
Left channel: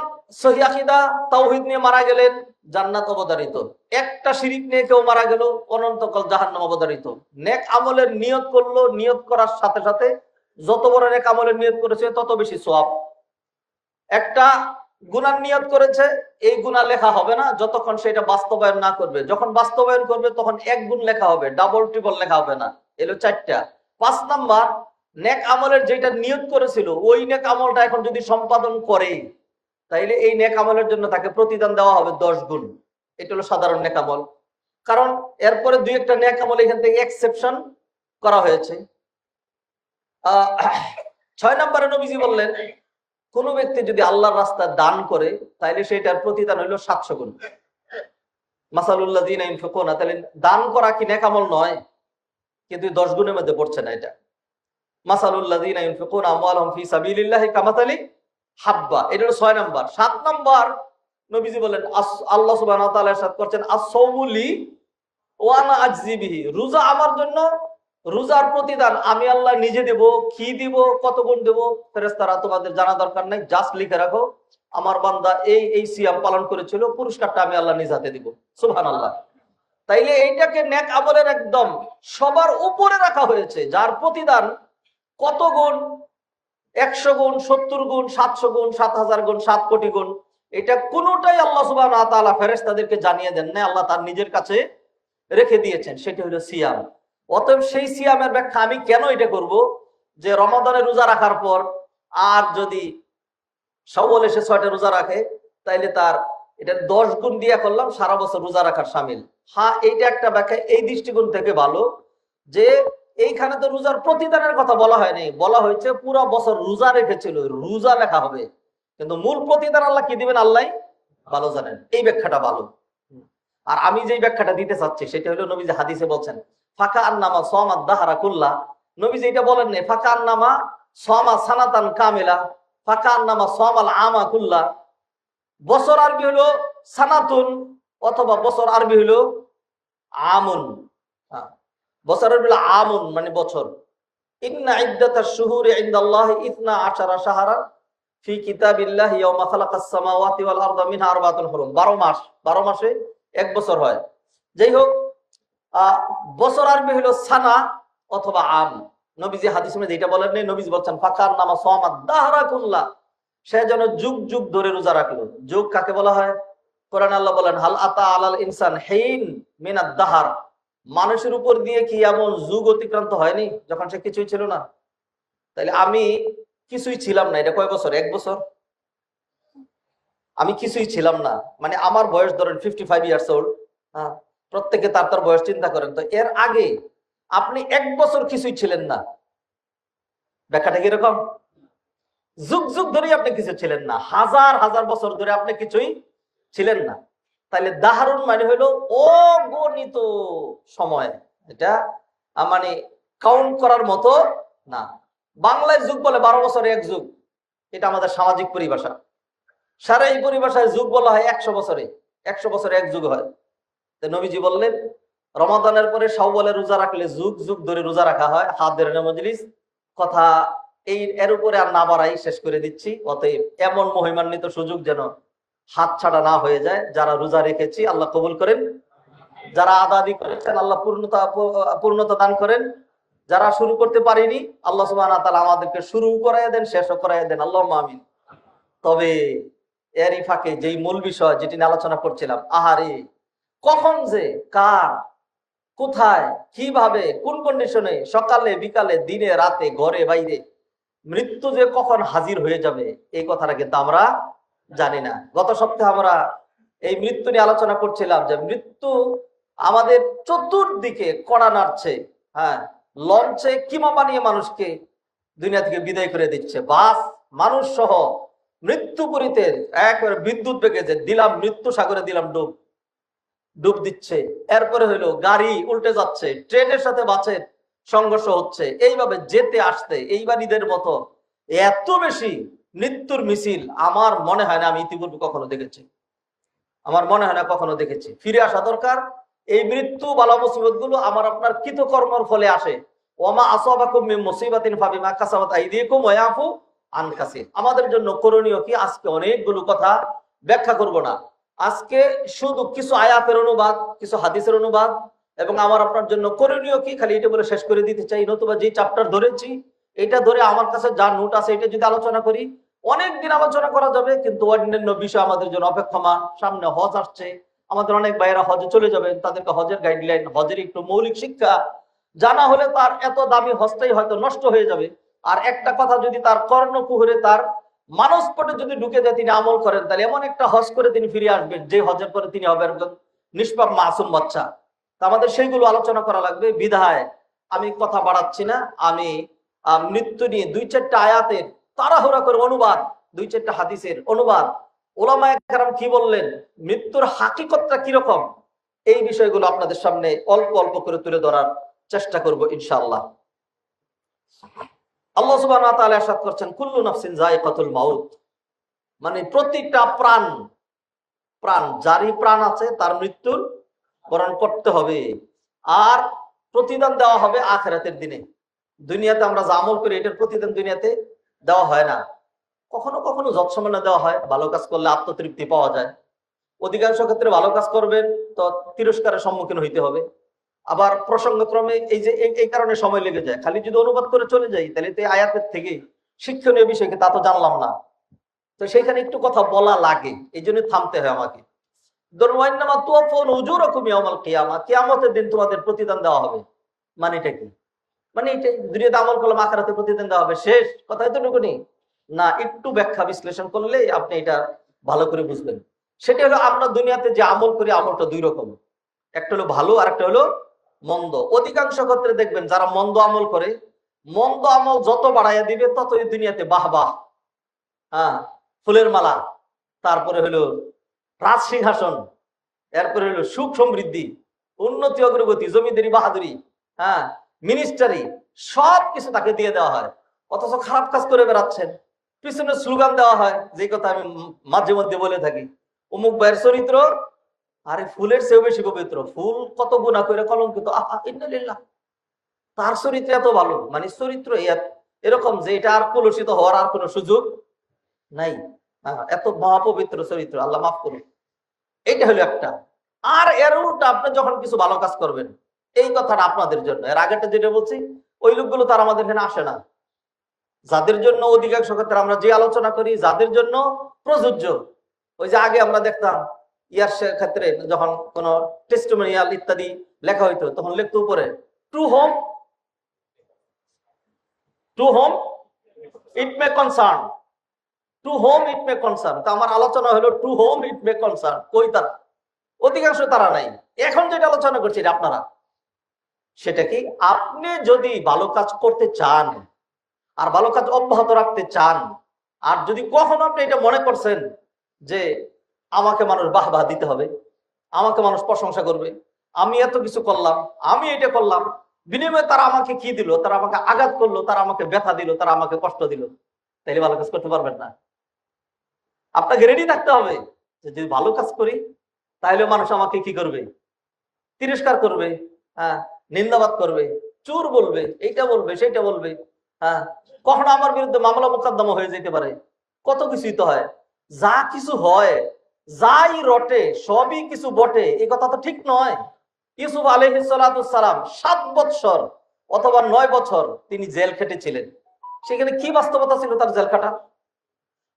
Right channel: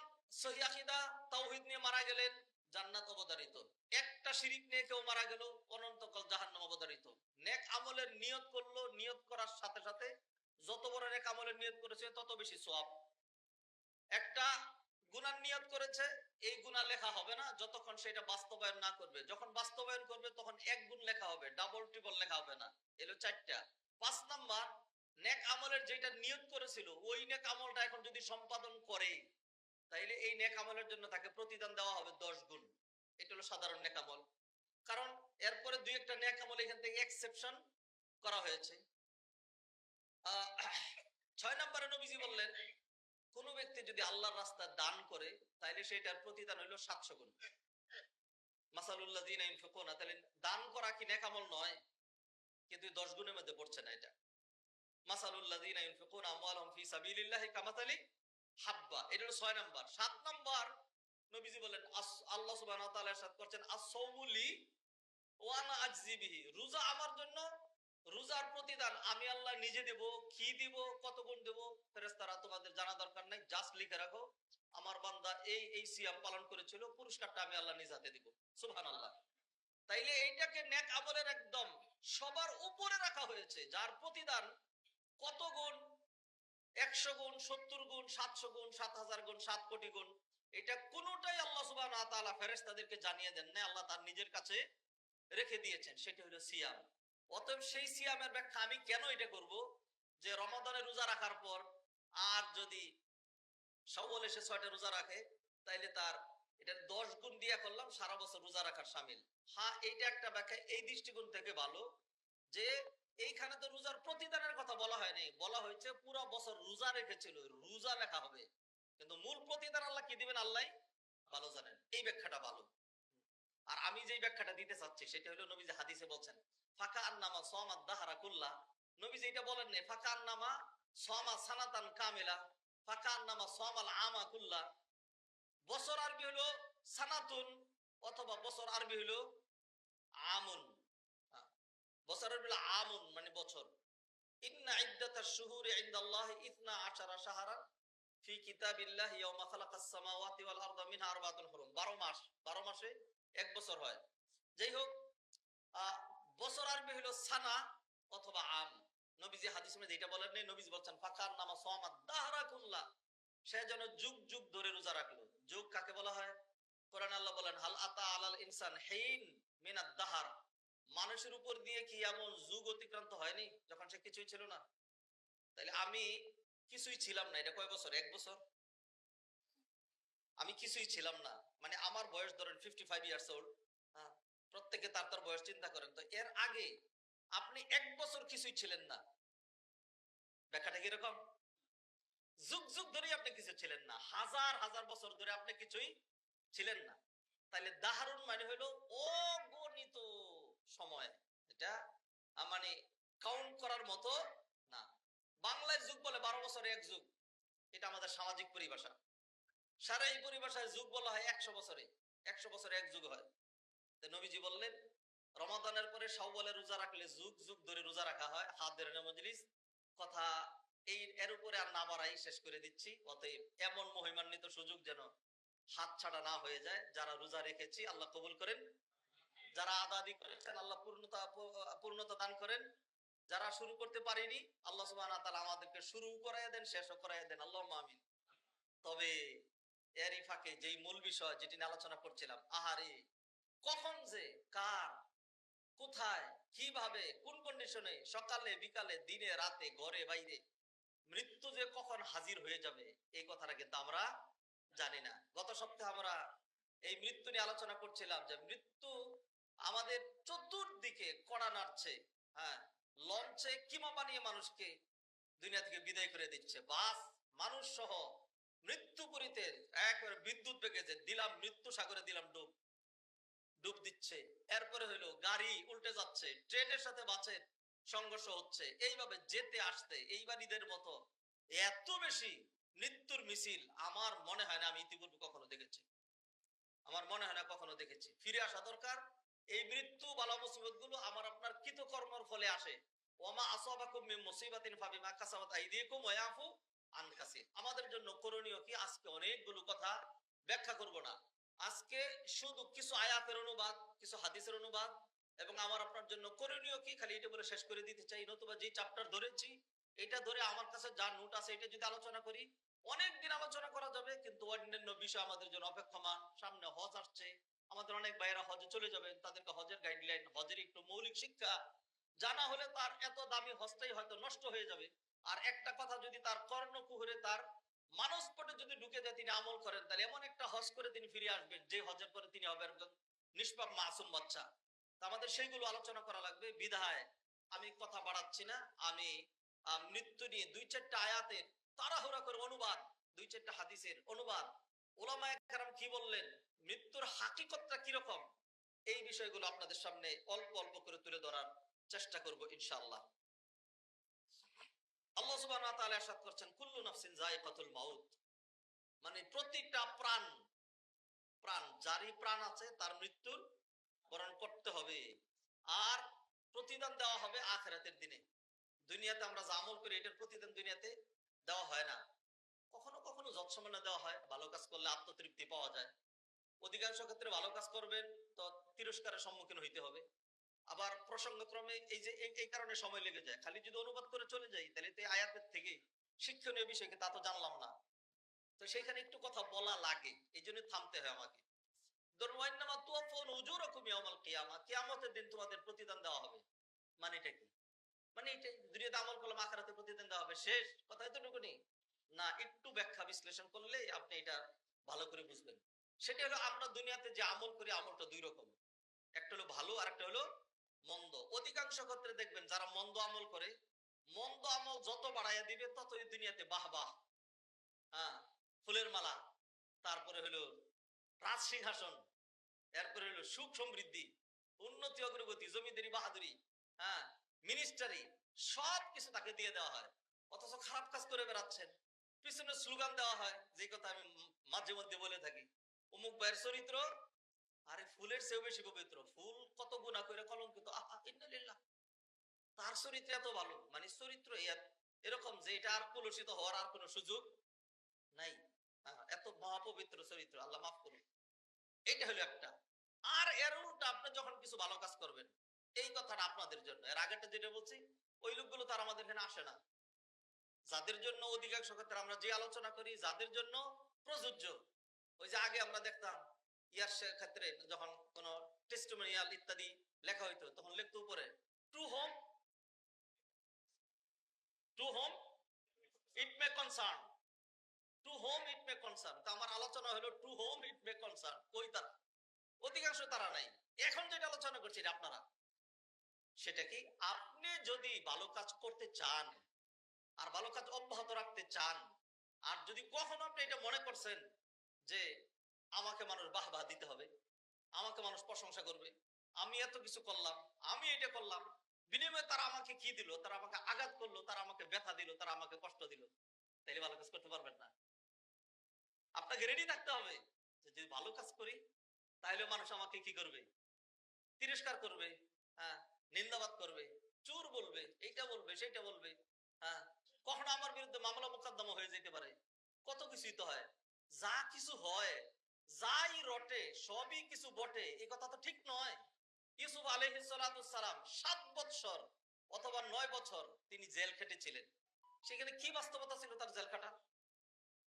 সহিহ আকীদা, তাওহীদ নিয়ে মারা গেলেন, জান্নাত অবধারিত। একটা শিরিক নিয়ে কেউ মারা গেল, অনন্তকাল জাহান্নাম অবধারিত। নেক আমলের নিয়ত করলো, নিয়ত করার সাথে সাথে যত বড় নেক আমলের নিয়ত করেছে তত বেশি সওয়াব। একটা গুনার নিয়ত করেছে, এই গুনাহ লেখা হবে না যতক্ষণ সেটা বাস্তবায়ন না করবে। যখন বাস্তবায়ন করবে তখন 1 গুণ লেখা হবে, ডাবল ট্রিপল লেখা হবে না। এলো 4টা। 5 নাম্বার, নেক আমলের যেটা নিয়ত করেছিল ওই নেক আমলটা এখন যদি সম্পাদন করে, তাইলে এই নেক আমলের জন্য তাকে প্রতিদান দেওয়া হবে 10 গুণ। এটা হলো সাধারণ নেক আমল। কারণ এরপরে 2-1টা নেক আমল এখান থেকে এক্সেপশন করা হয়েছে। 6 নম্বরে নবীজি বললেন, কোন ব্যক্তি যদি আল্লাহর রাস্তায় দান করে, তাইলে সেটার প্রতিদান হইল 700 গুণ। মাসালুল্লাযিনা ইনফিকুনা, তাহলে দান করা কি নেক আমল নয়? কিন্তু 10 গুণের মধ্যে পড়ছে না এটা। মাসালুল্লাযিনা ইনফিকুনা আমওয়ালাহুম ফি সাবিলিল্লাহি কামাসালি হাব্বা, এটা হলো 6 নাম্বার। 7 নাম্বার নবীজি বলেন, আল্লাহ সুবহানাহু ওয়া তাআলা ইরশাদ করছেন, আস-সাওমু লি ওয়া আনা আজজি বিহি, রোজা আমার জন্য, রোজার প্রতিদান আমি আল্লাহ নিজে দেব। কি দিব, কত গুণ দেব, ফেরেশতারা তোমাদের জানা দরকার নাই, জাস্ট লিখে রাখো, আমার বান্দা এই এই সিয়াম পালন করেছিল, পুরস্কারটা আমি আল্লাহ নিজ হাতে দিব। সুবহানাল্লাহ। তাইলে এইটাকে নেক আমলের একদম সবার উপরে রাখা হয়েছে, যার প্রতিদান কত গুণ, 100 গুণ, 70 গুণ, 700 গুণ, 7000 গুণ, 7 কোটি গুণ, এটা কোনোটাই আল্লাহ সুবহানাহু ওয়া তাআলা ফেরেশতাদেরকে জানিয়ে দেন না, আল্লাহ তার নিজের কাছে রেখে দিয়েছেন। সেটা হলো সিয়াম। অতএব সেই সিয়ামের ব্যাখ্যা আমি কেন এটা করব, যে রমাদানে রোজা রাখার পর আর যদি শাওয়াল এসে 6টা রোজা রাখে, তাইলে তার এটা 10 গুণ দিয়া করলাম, সারা বছর রোজা রাখার শামিল। হ্যাঁ, এইটা একটা ব্যাখ্যা এই দৃষ্টিকোণ থেকে ভালো, যে এইখানে তো রোজার প্রতিদানের কথা বলা হয়নি, বলা হয়েছে পুরো বছর রোজা রেখেছিল, রোজা লেখা হবে, কিন্তু মূল প্রতিদান আল্লাহ কি দিবেন আল্লাহ ভালো জানেন। এই ব্যাখ্যাটা ভালো। আর আমি যে ব্যাখ্যাটা দিতে চাচ্ছি সেটা হলো, নবী যে হাদিসে বলছেন ফাকা আন্নামা সামাদ দাহরা কুল্লা, নবী যে এটা বলেন না ফাকা আন্নামা সামা সানাতান কামিলা, ফাকা আন্নামা সামাল আমা কুল্লা। বছর আরবি হলো সানাতুন, অথবা বছর আরবি হলো আমুন। বছর আরবি হলো আমুন, মানে বছর। ইন্না ইদ্দাতাশ শুহুরি ইনদাল্লাহি 12 শাহরান ফি কিতাবিল্লাহি ইয়াওমা খালাকাস সামাওয়াতি ওয়াল আরদা মিনহা আরবাতুন হুরুম। 12 মাস, 12 মাসে 1 বছর হয়। যাই হোক, বছর আরবি হলো সানা অথবা আম। নবীজি হাদিসে মধ্যে এটা বলেন নাই, নবীজি বলছেন ফাকার নামা সামাদ দাহরা কুল্লা, সে যেন যুগ যুগ ধরে রোজা রাখলো। যুগ কাকে বলা হয়? কোরআন আল্লাহ বলেন, হাল আতা আলাল ইনসান হিন মিনাদ দাহার, মানুষের উপর দিয়ে কি এমন যুগ অতিক্রান্ত হয়নি যখন সে কিছুই ছিল না? তাইলে আমি কিছুই ছিলাম না, এটা কয় বছর? 1 বছর। আমি কিছুই ছিলাম না, মানে আমার বয়স ধরেন 55 ইয়ার্স ওল্ড। হ্যাঁ, প্রত্যেকে তার তার বয়স চিন্তা করেন তো, এর আগে আপনি 1 বছর কিছুই ছিলেন না। ব্যাখ্যাটা কিরকম? যুগ যুগ ধরে আপনি কিছু ছিলেন না, হাজার হাজার বছর ধরে আপনি কিছুই ছিলেন না। তাইলে দাহারুন মানে হলো অগণিত সময়, এটা মানে কাউন্ট করার মতো না। বাংলায় যুগ বলে 12 বছরে 1 যুগ, এটা আমাদের সামাজিক পরিভাষা। সারা এই পরিভাষায় যুগ বলা হয় 100 বছরে, 100 বছরে এক যুগ হয়। তো নবীজি বললেন রমাদানের পরে শাওয়ালে রোজা রাখলে যুগ যুগ ধরে রোজা রাখা হয়। হাদের মজলিস কথা এর উপরে আর না বাড়াই, শেষ করে দিচ্ছি। অতএব এমন মহিমান্বিত সুযোগ যেন হাত ছাড়া না হয়ে যায়। যারা রোজা রেখেছি আল্লাহ কবুল করেন, যারা আদাদি করেছেন আল্লাহ পূর্ণতা দান করেন, যারা শুরু করতে পারিনি আল্লাহ সুবহানাহু ওয়া তাআলা আমাদেরকে শুরু করাইয়া দেন, শেষও করাইয়া দেন, আল্লাহুম্মা আমিন। তবে এরই ফাঁকে যেই মূল বিষয় যেটি নিয়ে আলোচনা করছিলাম, আহারে কখন যে কার কোথায় কিভাবে কোন কন্ডিশনে সকালে বিকালে দিনে রাতে ঘরে বাইরে মৃত্যু যে কখন হাজির হয়ে যাবে এই কথাটা কিন্তু আমরা জানি না। গত সপ্তাহে আমরা এই মৃত্যু নিয়ে আলোচনা করছিলাম যে মৃত্যু আমাদের চতুর্দিকে কড়া নাড়ছে। হ্যাঁ, লঞ্চে কিমা বানিয়ে মানুষকে দুনিয়া থেকে বিদায় করে দিচ্ছে। বাস মানুষ সহ মৃত্যুপুরীতে একবারে বিদ্যুৎ বেগে যে দিলাম মৃত্যু সাগরে দিলাম ডুব ডুব দিচ্ছে। এরপরে হইলো গাড়ি উল্টে যাচ্ছে, ট্রেনের সাথে বাসের সংঘর্ষ হচ্ছে। এইভাবে যেতে আসতে এইবার ঈদের মতো এত বেশি মৃত্যুর মিছিল আমার মনে হয় না আমি ইতিপূর্বে কখনো দেখেছি, আমার মনে হয় না কখনো দেখেছি। ফিরে আসা দরকার। এই মৃত্যু বালা মুসিবত গুলো আমার আপনার কৃতকর্মর ফলে আসে। ওমা আসাবাকুম মিন মুসিবাতিন ফাবিমা কাসাবাত আইদিকুম ওয়া ইয়াফু আন কাসীর। আমাদের জন্য করণীয় কি? আজকে অনেকগুলো কথা ব্যাখ্যা করব না। আজকে শুধু কিছু আয়াতের অনুবাদ, কিছু হাদিসের অনুবাদ এবং আমার আপনার জন্য করণীয় কি খালি এটা বলে শেষ করে দিতে চাই। নতুবা যে চ্যাপ্টার ধরেছি এটা ধরে আমার কাছে যা নোট আছে এটা যদি আলোচনা করি অনেকদিন আলোচনা করা যাবে, কিন্তু অন্যান্য বিষয় আমাদের জন্য অপেক্ষমান। সামনে হজ আসছে, আমাদের অনেক ভাইয়েরা হজে চলে যাবেন, তাদেরকে হজের গাইডলাইন, হজের একটু মৌলিক শিক্ষা জানা হলে তার এত দামি হজটাই হয়তো নষ্ট হয়ে যাবে। আর একটা কথা যদি তার কর্ণকুহরে তার মানসপটে যদি ঢুকে যায় তিনি আমল করেন, তাহলে এমন একটা হজ করে তিনি ফিরে আসবেন যে হজের পরে তিনি হবেন নিষ্পাপ মাসুম বাচ্চা। তা আমাদের সেইগুলো আলোচনা করা লাগবে। বিধায় আমি কথা বাড়াচ্ছি না, আমি মৃত্যু নিয়ে 2-4টা আয়াতের তাড়াহুড়া করে অনুবাদ, 2-4টা হাদিসের অনুবাদ, ওলামায়ে কেরাম কি বললেন, মৃত্যুর হাকিকতটা কিরকম, এই বিষয়গুলো আপনাদের সামনে অল্প অল্প করে তুলে ধরার চেষ্টা করব ইনশাআল্লাহ। আল্লাহ সুবহানাহু ওয়া তাআলা ইরশাদ করছেন কুল্লু নাফসিন যায়িকাতুল মাউত, মানে প্রতিটা প্রাণ, যারই প্রাণ আছে তার মৃত্যুর বরণ করতে হবে। আর প্রতিদান দেওয়া হবে আখিরাতের দিনে। দুনিয়াতে আমরা যা আমল করি এটার প্রতিদান দুনিয়াতে দেওয়া হয় না। কখনো কখনো যৎসামান্য দেওয়া হয়, ভালো কাজ করলে আত্মতৃপ্তি পাওয়া যায়। অধিকাংশ ক্ষেত্রে ভালো কাজ করবেন তো তিরস্কারের সম্মুখীন হইতে হবে। আবার প্রসঙ্গক্রমে এই যে এই কারণে সময় লেগে যায়। খালি যদি অনুবাদ করে চলে যাই তাহলে তো আয়াতের থেকে শিক্ষণীয় বিষয়কে তা তো জানলাম না, তো সেখানে একটু কথা বলা লাগে, এই জন্য থামতে হয় আমাকে। কিয়ামতের দিন তোমাদের প্রতিদান দেওয়া হবে, মানে এটা কি? মানে এটা দুনিয়াতে আমল করলাম আখিরাতে প্রতিদান দেওয়া হবে, শেষ কথা এতটুকুনি না। একটু ব্যাখ্যা বিশ্লেষণ করলে আপনি এটা ভালো করে বুঝবেন। সেটা হলো আমরা দুনিয়াতে যে আমল করি আমলটা দুই রকম, একটা হলো ভালো আর একটা হলো মন্দ। অধিকাংশ ক্ষেত্রে দেখবেন যারা মন্দ আমল করে, মন্দ আমল যত বাড়াইয়া দিবে ততই দুনিয়াতে বাহ বাহ, হ্যাঁ, ফুলের মালা, তারপরে হলো রাজ সিংহাসন, এরপরে হলো সুখ সমৃদ্ধি, উন্নতি অগ্রগতি, জমিদারি বাহাদুরি, হ্যাঁ, মিনিস্টারি, সব কিছু তাকে দিয়ে দেওয়া হয়। অথচ খারাপ কাজ করে বেড়াচ্ছেন। পিছনে স্লোগান দেওয়া হয়, যে কথা আমি মাঝে মধ্যে বলে থাকি, অমুক ভাইয়ের চরিত্র আরে ফুলের চেয়েও বেশি পবিত্র, ফুল কত গুনাহ করে কলঙ্কিত, আহা ইন্নালিল্লাহ, তার চরিত্র এত ভালো, মানে চরিত্র এরকম যে এটা আর কলুষিত হওয়ার আর কোনো সুযোগ নাই। এত মহাপবিত্র চরিত্র, আল্লাহ মাফ করুন। এইটা হলো একটা। আর এর উল্টা আপনি যখন কিছু ভালো কাজ করবেন, এই কথাটা আপনাদের জন্য। এর আগেটা যেটা বলছি ওই লোকগুলো তার আমাদের এখানে আসে না। যাদের জন্য অধিকাংশ ক্ষেত্রে আমরা যে আলোচনা করি যাদের জন্য প্রযোজ্য, ওই যে আগে আমরা দেখতাম ইয়ার ক্ষেত্রে যখন কোন টেস্টিমোনিয়াল ইত্যাদি লেখা হইতো তখন লিখতো উপরে টু হোম ইট মে কনসার্ন, টু হোম ইট মে কনসার্ন। তো আমার আলোচনা হলো টু হোম ইট মে কনসার্ন। কই তারা? অধিকাংশ তারা নাই। এখন যেটা আলোচনা করছি আপনারা, সেটা কি, আপনি যদি ভালো কাজ করতে চান আর ভালো কাজ অব্যাহত রাখতে চান, আর যদি কখনো আপনি এটা মনে করছেন যে আমাকে মানুষ বাহ বাহ দিতে হবে, আমাকে মানুষ প্রশংসা করবে, আমি এত কিছু করলাম, আমি এটা করলাম, বিনিময়ে তারা আমাকে কি দিল, তারা আমাকে আঘাত করলো, তারা আমাকে ব্যথা দিল, তারা আমাকে কষ্ট দিল, তাইলে ভালো কাজ করতে পারবেন না। আপনাকে রেডি থাকতে হবে যে যদি ভালো কাজ করি তাহলে মানুষ আমাকে কি করবে, তিরস্কার করবে, হ্যাঁ, নিন্দাবাদ করবে, চোর বলবে, এইটা বলবে, সেইটা বলবে, হ্যাঁ, কখনো আমার বিরুদ্ধে মামলা মোকদ্দমা হয়ে যেতে পারে, কত কিছুই তো হয়। যা কিছু হয়, যাই রটে সবই কিছু বটে, এই কথা তো ঠিক নয়। ইউসুফ আলাইহিস সালাম 7 বৎসর অথবা 9 বছর তিনি জেল খেটেছিলেন। সেখানে কি বাস্তবতা ছিল তার জেল খাটা?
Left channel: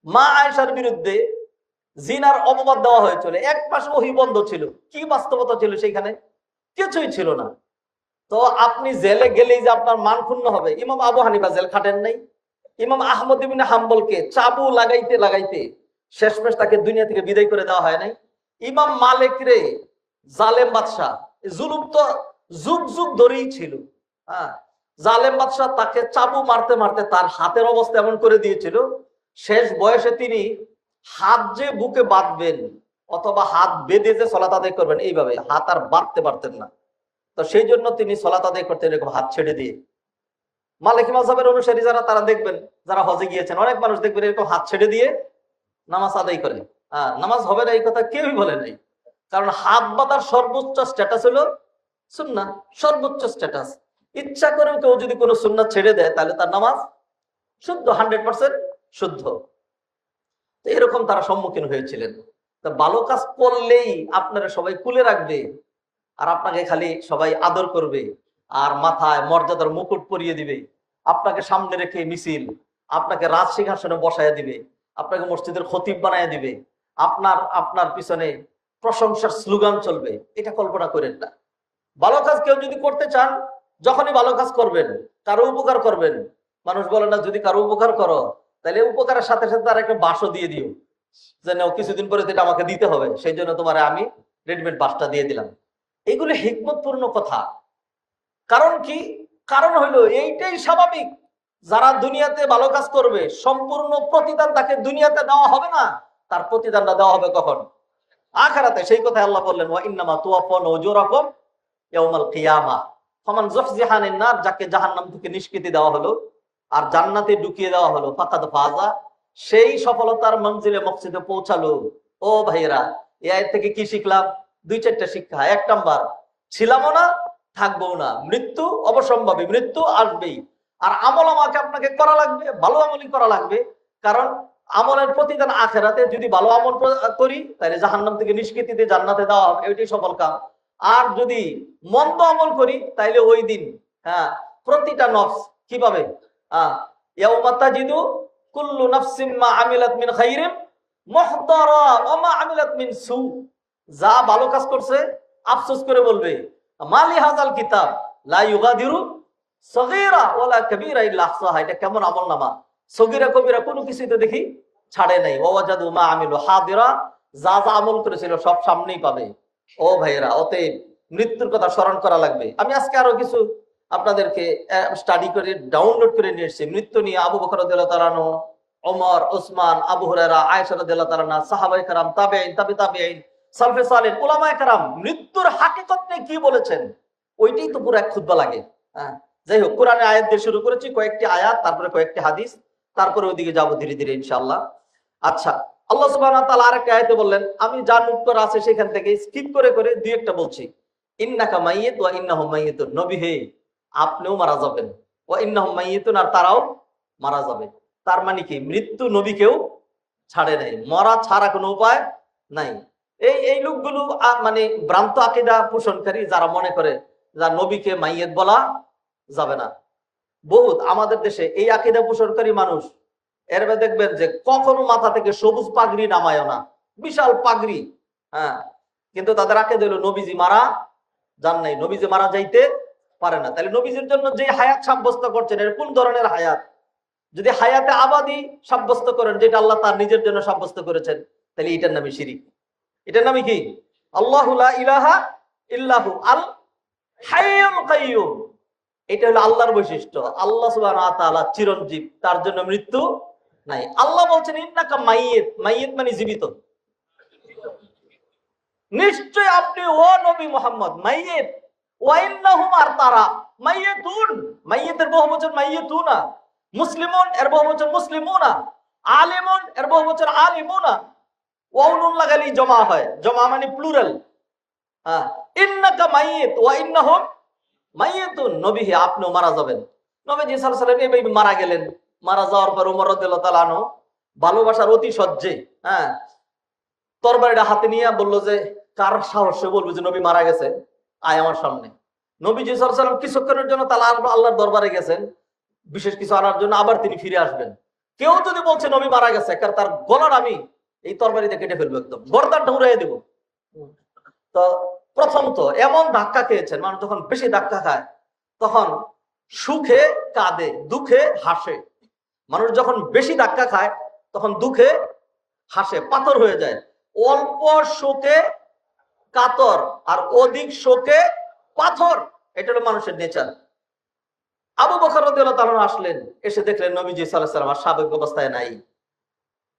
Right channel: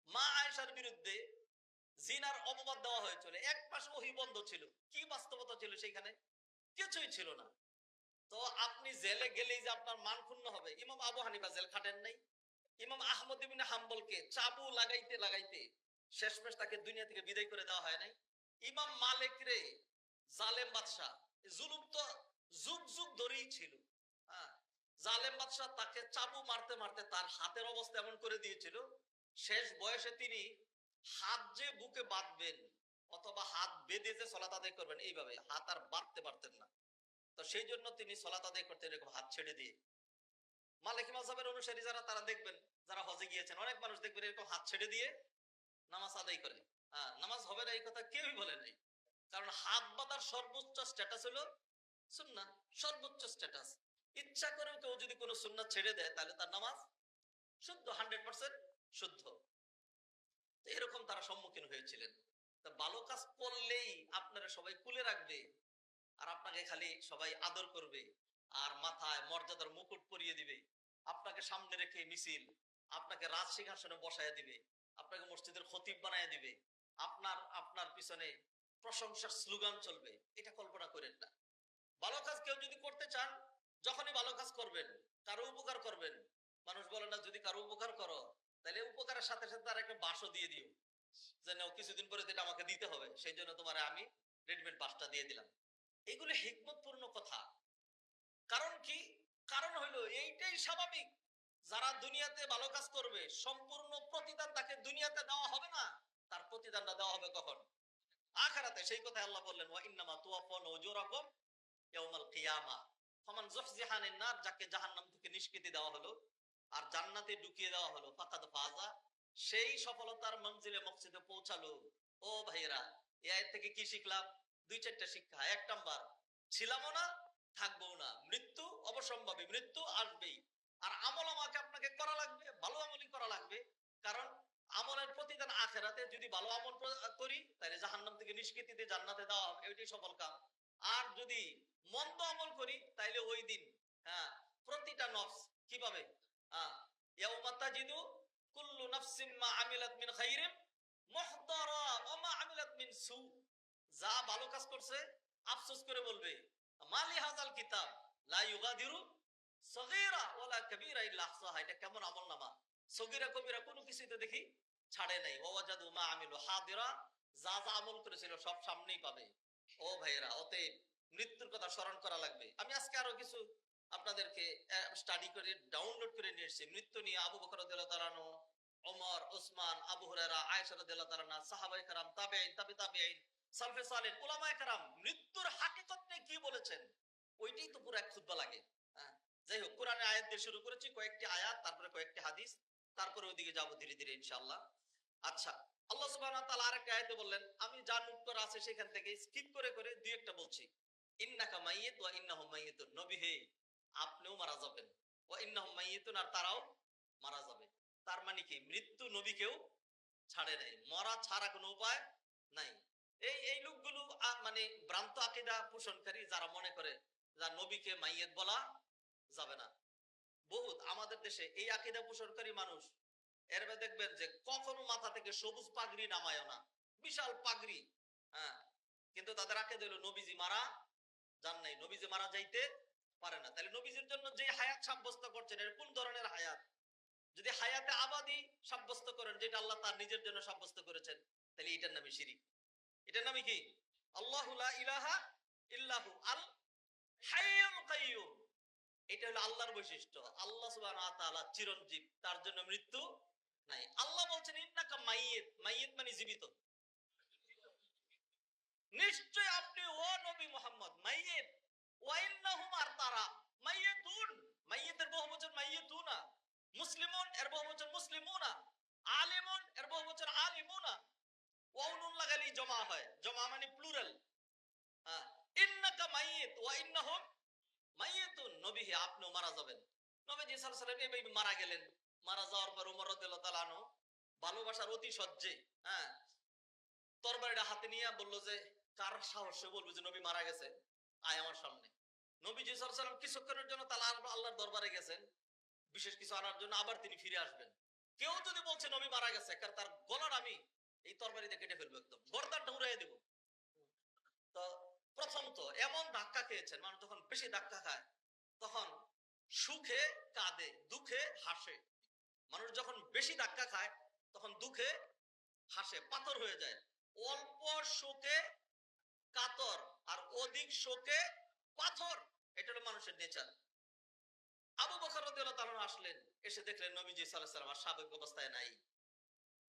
মা আয়েশার বিরুদ্ধে জিনার অপবাদ দেওয়া হয়েছিল, 1 মাস ওহী বন্ধ ছিল, কি বাস্তবতা ছিল সেখানে? কিছুই ছিল না। তো আপনি জেলে গেলেই যে আপনার মান ক্ষুণ্ণ হবে? ইমাম আবু হানিফা জেল খাটেন নাই? ইমাম আহমদ ইবনে হাম্বলকে চাবু লাগাইতে লাগাইতে শেষমেশ তাকে দুনিয়া থেকে বিদায় করে দেওয়া হয় নাই? ইমাম মালিক রে জালেম বাদশাহ, জুলুম তো যুগ যুগ ধরেই ছিল। হ্যাঁ, জালেম বাদশাহ তাকে চাবু মারতে মারতে তার হাতের অবস্থা এমন করে দিয়েছিল, শেষ বয়সে তিনি হাত যে বুকে বাঁধবেন অথবা হাত বেঁধে যে সলাত আদায় করবেন, এইভাবে হাত আর বাঁধতে পারতেন না। তো সেই জন্য তিনি সলাত আদায় করতেন এরকম হাত ছেড়ে দিয়ে। মালিকি মাযহাবের অনুসারী যারা, তারা দেখবেন, যারা হজে গিয়েছেন, অনেক মানুষ দেখবেন এরকম হাত ছেড়ে দিয়ে নামাজ আদায় করে। নামাজ হবে না এই কথা কেউই বলে নাই, কারণ হাত বাঁধার সর্বোচ্চ স্ট্যাটাস হলো সুন্নাহ, সর্বোচ্চ স্ট্যাটাস। ইচ্ছা করেও কেউ যদি কোনো সুন্নাহ ছেড়ে দেয় তাহলে তার নামাজ শুদ্ধ, 100% শুদ্ধ। তো এরকম তারা সম্মুখীন হয়েছিলেন। তা ভালো কাজ করলেই আপনারা সবাই কুলে রাখবে, আর আপনাকে খালি সবাই আদর করবে, আর মাথায় মর্যাদার মুকুট পরিয়ে দিবে, আপনাকে সামনে রেখে মিছিল, আপনাকে রাজ সিংহাসনে বসায় দিবে, আপনাকে মসজিদের খতিব বানায় দিবে, আপনার আপনার পিছনে প্রশংসার স্লোগান চলবে, এটা কল্পনা করেন না। ভালো কাজ কেউ যদি করতে চান, যখনই ভালো কাজ করবেন, কারো উপকার করবেন, মানুষ বলে না যদি কারো উপকার করো তাহলে উপকারের সাথে সাথে তার একটা বাসও দিয়ে দিও, যে নাও কিছুদিন পরে এটা আমাকে দিতে হবে, সেই জন্য তোমার আমি রেডিমেড বাসটা দিয়ে দিলাম। এগুলো হিকমতপূর্ণ কথা। কারণ কি? কারণ হলো এইটাই স্বাভাবিক, যারা দুনিয়াতে ভালো কাজ করবে সম্পূর্ণ প্রতিদান তাকে দুনিয়াতে দেওয়া হবে না, তার প্রতিদানটা দেওয়া হবে কখন? আখিরাতে। সেই কথা আল্লাহ বললেন, ওয়া ইন্নামা তুওয়াফাউনা উজুরাকুম ইয়াউমাল কিয়ামাহ ফামান যুহজিহা আনিন নার, যাকে জাহান্নাম থেকে নিষ্কৃতি দেওয়া হলো আর জান্নাতে ঢুকিয়ে দেওয়া হলো, ফাকাদ ফাজা, সেই সফলতার মঞ্জিলে মকসিদে পৌঁছালো। ও ভাইয়েরা, এই আয়াত থেকে কি শিখলাম? 2-4টা শিক্ষা। 1 নাম্বার, ছিলামও না, থাকবো না, মৃত্যু অবসম্ভাবী, মৃত্যু আসবেই। আর আমল আমাকে আপনাকে করা লাগবে, ভালো আমলই করা লাগবে, কারণ আমলের প্রতিদান আখেরাতে। যদি ভালো আমল করি তাহলে জাহান্নাম থেকে নিষ্কৃতি দিয়ে জান্নাতে দেওয়া হবে, এটাই সফল কাম। আর যদি মন্দ আমল করি তাহলে ওই দিন, হ্যাঁ, প্রতিটা নফস কি পাবে? ইয়াউমা তাজিদু কুল্লু নাফসিন মা আমিলাত মিন খাইরিন মুহদারা ওয়া মা আমিলাত মিন সু, যা ভালো কাজ করছে আফসোস করে বলবে, মালি হাযাল কিতাব লা ইউগাদিরু সগীরা ওয়ালা কাবীরা ইল্লা আহসাহা, এটা কেমন আমলনামা, সগীরা কবিরা কোনো কিছুই তো দেখি ছাড়ে নাই। ওয়াজাদু মা আমিলু হাদিরা, যা যা আমল করেছিল সব সামনেই পাবে। ও ভাইয়েরা, অতএব মৃত্যুর কথা স্মরণ করা লাগবে। আমি আজকে আরো কিছু আপনাদেরকে স্টাডি করে ডাউনলোড করে নিয়ে এসেছি মৃত্যু নিয়ে। আবু বকর রাদিয়াল্লাহু তাআলা আনহু, ওমর, ওসমান, আবু হুরায়রা, আয়েশা রাদিয়াল্লাহু তাআলা আনহা, সাহাবায়ে কেরাম, তাবেঈন, তাবেঈন, সালফে সালেহ, উলামায়ে কেরাম মৃত্যুর হাকিকত নিয়ে কি বলেছেন, ওইটাই তো পুরো এক খুতবা লাগে। হ্যাঁ, যাই হোক, কোরআনের আয়াত দিয়ে শুরু করেছি, কয়েকটি আয়াত, তারপরে কয়েকটি হাদিস, তারপরে ওইদিকে যাবো ধীরে ধীরে ইনশাআল্লাহ। আচ্ছা, আল্লাহ সুবহানাহু ওয়া তাআলা আরেকটা আয়াতে বললেন, আমি যা নোট করা আছে সেখান থেকে স্কিপ করে করে দুই একটা বলছি। ইন্নাকা মাইয়িত ওয়া ইন্নাহুম মাইয়িতুন, নবী হে আপনিও মারা যাবেন, ওয়া ইন্নাহুম মাইয়িতুন, আর তারাও মারা যাবে। তার মানে কি? মৃত্যু নবীকেও ছাড়ে নাই, মরা ছাড়া কোনো উপায় নাই। এই লোকগুলো মানে ভ্রান্ত আকীদা পোষণকারী, যারা মনে করে যা নবীকে মাইয়িত বলা যাবে না। বহুত আমাদের দেশে এই আকীদা পোষণকারী মানুষ, এর দেখবেন যে কখনো মাথা থেকে সবুজ পাগড়ি নামায় না, বিশাল পাগড়ি। হ্যাঁ, কিন্তু তাদের আকীদা হলো নবীজি মারা যান নাই, নবীজি মারা যাইতে পারে না। তাহলে নবীজির জন্য যে হায়াত সাব্যস্ত করছেন, এর কোন ধরনের হায়াত? যদি হায়াতে আবাদি সাব্যস্ত করেন, যেটা আল্লাহ তার নিজের জন্য সাব্যস্ত করেছেন, তাহলে এটার নামই শিরিক। এটার নামই কি? আল্লাহু লা ইলাহা ইল্লাহু আল হাইয়ুল কাইয়্যুম। এটা হলো আল্লাহর বৈশিষ্ট্য। আল্লাহ সুবহানাহু ওয়া তাআলা চিরঞ্জীব, তার জন্য মৃত্যু নাই। আল্লাহ বলছেন ইন্নাকা মাইয়িত, মাইয়িত মানে জীবিত। নিশ্চয় আপনি ও নবী মুহাম্মদ মাইয়িত, ওয়া ইন্নাহুম, আর তারা মাইয়িতুন, মাইয়িতের বহুবচন মাইয়িতুনা, মুসলিমুন এর বহু বচন মুসলিমুনা, আলিমুন এর বহু বচন আলিমুনা, ওয়াও নুন লাগালি জমা হয়, জমা মানে প্লুরাল। হ্যাঁ, ইন্নাকা মাইয়িত ওয়া ইন্নাহুম মাইয়িতুন, নবী হে আপনিও মারা যাবেন। নবীজি সাল্লাল্লাহু আলাইহি ওয়াসাল্লাম এইভাবে মারা গেলেন। মারা যাওয়ার পর ওমর রাদিয়াল্লাহু তাআলা আনহু ভালোবাসার অতি সহ্যে তরবারিটা হাতে নিয়ে বলল যে কার সাহসে বলবো যে নবী মারা গেছে, আয় আমার সামনে। নবীজি সাল্লাল্লাহু আলাইহি ওয়াসাল্লাম কিছুক্ষণের জন্য তাআলা আল্লাহর দরবারে গেছেন বিশেষ কিছু আনার জন্য, আবার তিনি ফিরে আসবেন। কেউ যদি বলছে নবী মারা গেছে, কারণ তার গলার আমি এই তরবারিতে কেটে ফেলবো, একদম গর্দানটা উড়াইয়ে দেবো। তো প্রথম তো এমন ধাক্কা খেয়েছেন, মানুষ যখন বেশি ধাক্কা খায় তখন সুখে কাঁদে, দুঃখে হাসে। মানুষ যখন বেশি ধাক্কা খায় তখন দুঃখে হাসে, পাথর হয়ে যায়। অল্প শোকে কাতর আর অধিক শোকে পাথর, এটা হলো মানুষের নেচার। আবু বকর রাদিয়াল্লাহু তাআলা আসলেন, এসে দেখলেন নবীজি সাল্লাল্লাহু আলাইহি ওয়াসাল্লাম আর স্বাভাবিক অবস্থায় নাই।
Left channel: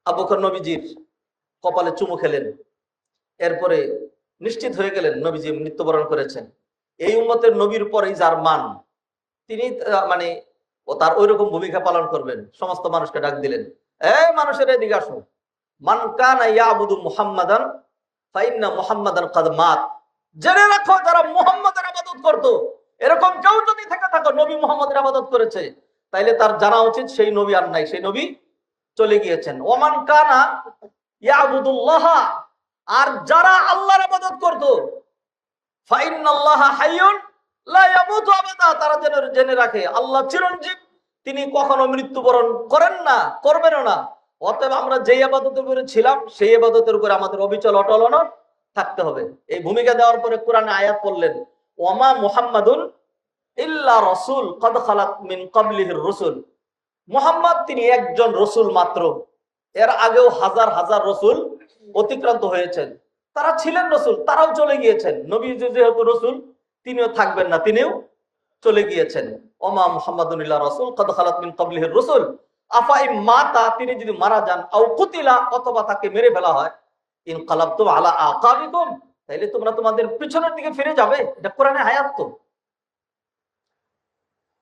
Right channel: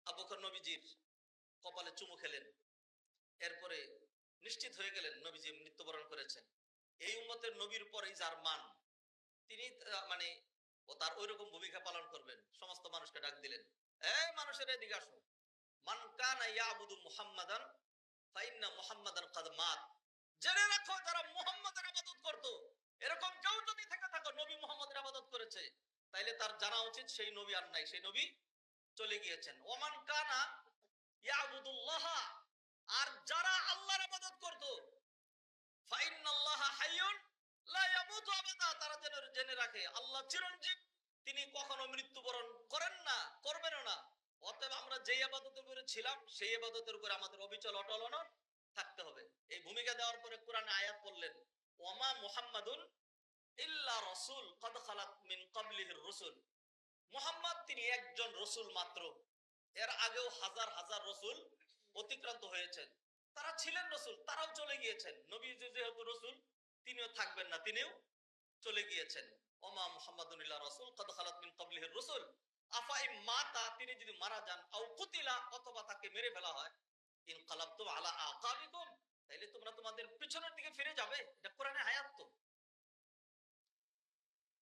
আবু বকর নবীজির কপালে চুমু খেলেন, এরপরে নিশ্চিত হয়ে গেলেন নবীজি মৃত্যুবরণ করেছেন। এই উম্মতের নবীর পরেই যার মান, তিনি মানে ও তার ওইরকম ভূমিকা পালন করবেন। সমস্ত মানুষকে ডাক দিলেন, এই মানুষের এদিকে আসো, মান কানা ইয়াবুদু মুহাম্মাদান ফাইন্না মুহাম্মাদান কাদ মাত। জেনে রাখো যারা মুহাম্মাদের ইবাদত করত, এরকম কেউ যদি থেকে থাকো নবী মুহাম্মাদের ইবাদত করেছে, তাইলে তার জানা উচিত সেই নবী আর নাই, সেই নবী চলে গিয়েছেন। ওমান কানা ইয়াবুদুল্লাহ, আর যারা আল্লাহর ইবাদত করত, ফাইন্নাল্লাহা হাইয়ুন লা ইয়ামুতু আবাদা, তারা যেন জেনে রাখে আল্লাহ চিরঞ্জীব, তিনি কখনো মৃত্যুবরণ করেন না, করবেনও না। অতএব আমরা যে ইবাদতের উপরে ছিলাম সেই ইবাদতের উপরে আমাদের অবিচল অটল থাকতে হবে। এই ভূমিকা দেওয়ার পরে কোরআনে আয়াত পড়লেন, ওয়ামা মুহাম্মাদুন ইল্লা রাসূল কদ খালাত মিন ক্বাবলিহির রাসূল। মুহাম্মদ তিনি একজন রসুল মাত্র, এর আগেও হাজার হাজার রসুল অতিক্রান্ত হয়েছেন, তারা ছিলেন রসুল, তারাও চলে গিয়েছেন। নবী যেহেতু রসুল, তিনিও থাকবেন না, তিনিও চলে গিয়েছেন। ওমা মুহাম্মাদুন ইল্লা রাসূল কদ খালাত মিন ক্বাবলিহির রাসূল আফা ইম মাতা, তিনি যদি মারা যান, আও কুতিলা, অথবা তাকে মেরে ফেলা হয়, ইনকালাবতুম আলা আকাবিকুম, তাইলে তোমরা তোমাদের পিছনের দিকে ফিরে যাবে। এটা কোরআনে আয়াত। তো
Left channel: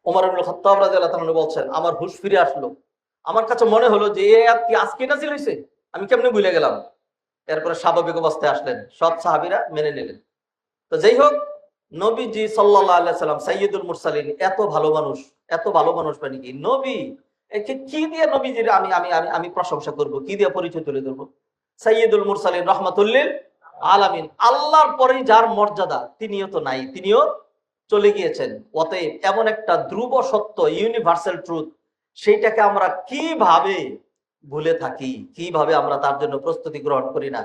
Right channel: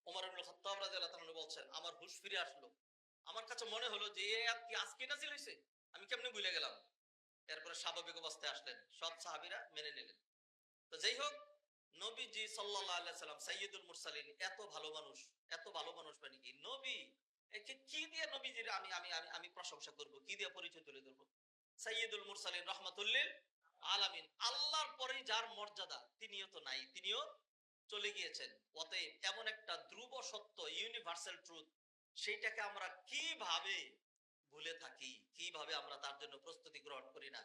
ওমর ইবনে খাত্তাব রাদিয়াল্লাহু তাআলা বলছেন, আমার হুঁশ ফিরে আসলো, আমার কাছে মনে হলো যে এই আয়াত কি আজকে নাযিল হইছে, আমি কেমনে ভুলে গেলাম। এরপরে স্বাভাবিক অবস্থায় আসলেন, সব সাহাবীরা মেনে নিলেন। তো যাই হোক, নবীজি সাল্লাল্লাহু আলাইহি সাল্লাম সাইয়্যিদুল মুরসালিন, এত ভালো মানুষ, এত ভালো মানুষ মানে কি নবী, একে কি দিয়ে নবীজির আমি আমি আমি আমি প্রশংসা করব, কি দিয়ে পরিচয় তুলে ধরবো। সাইয়্যিদুল মুরসালিন রাহমাতুল লিল আলামিন, আল্লাহর পরেই যার মর্যাদা, তিনিও তো নাই, তিনিও চলে গিয়েছেন। অতএব এমন একটা ধ্রুব সত্য, ইউনিভার্সাল ট্রুথ, সেইটাকে আমরা কিভাবে ভুলে থাকি, কিভাবে আমরা তার জন্য প্রস্তুতি গ্রহণ করি না।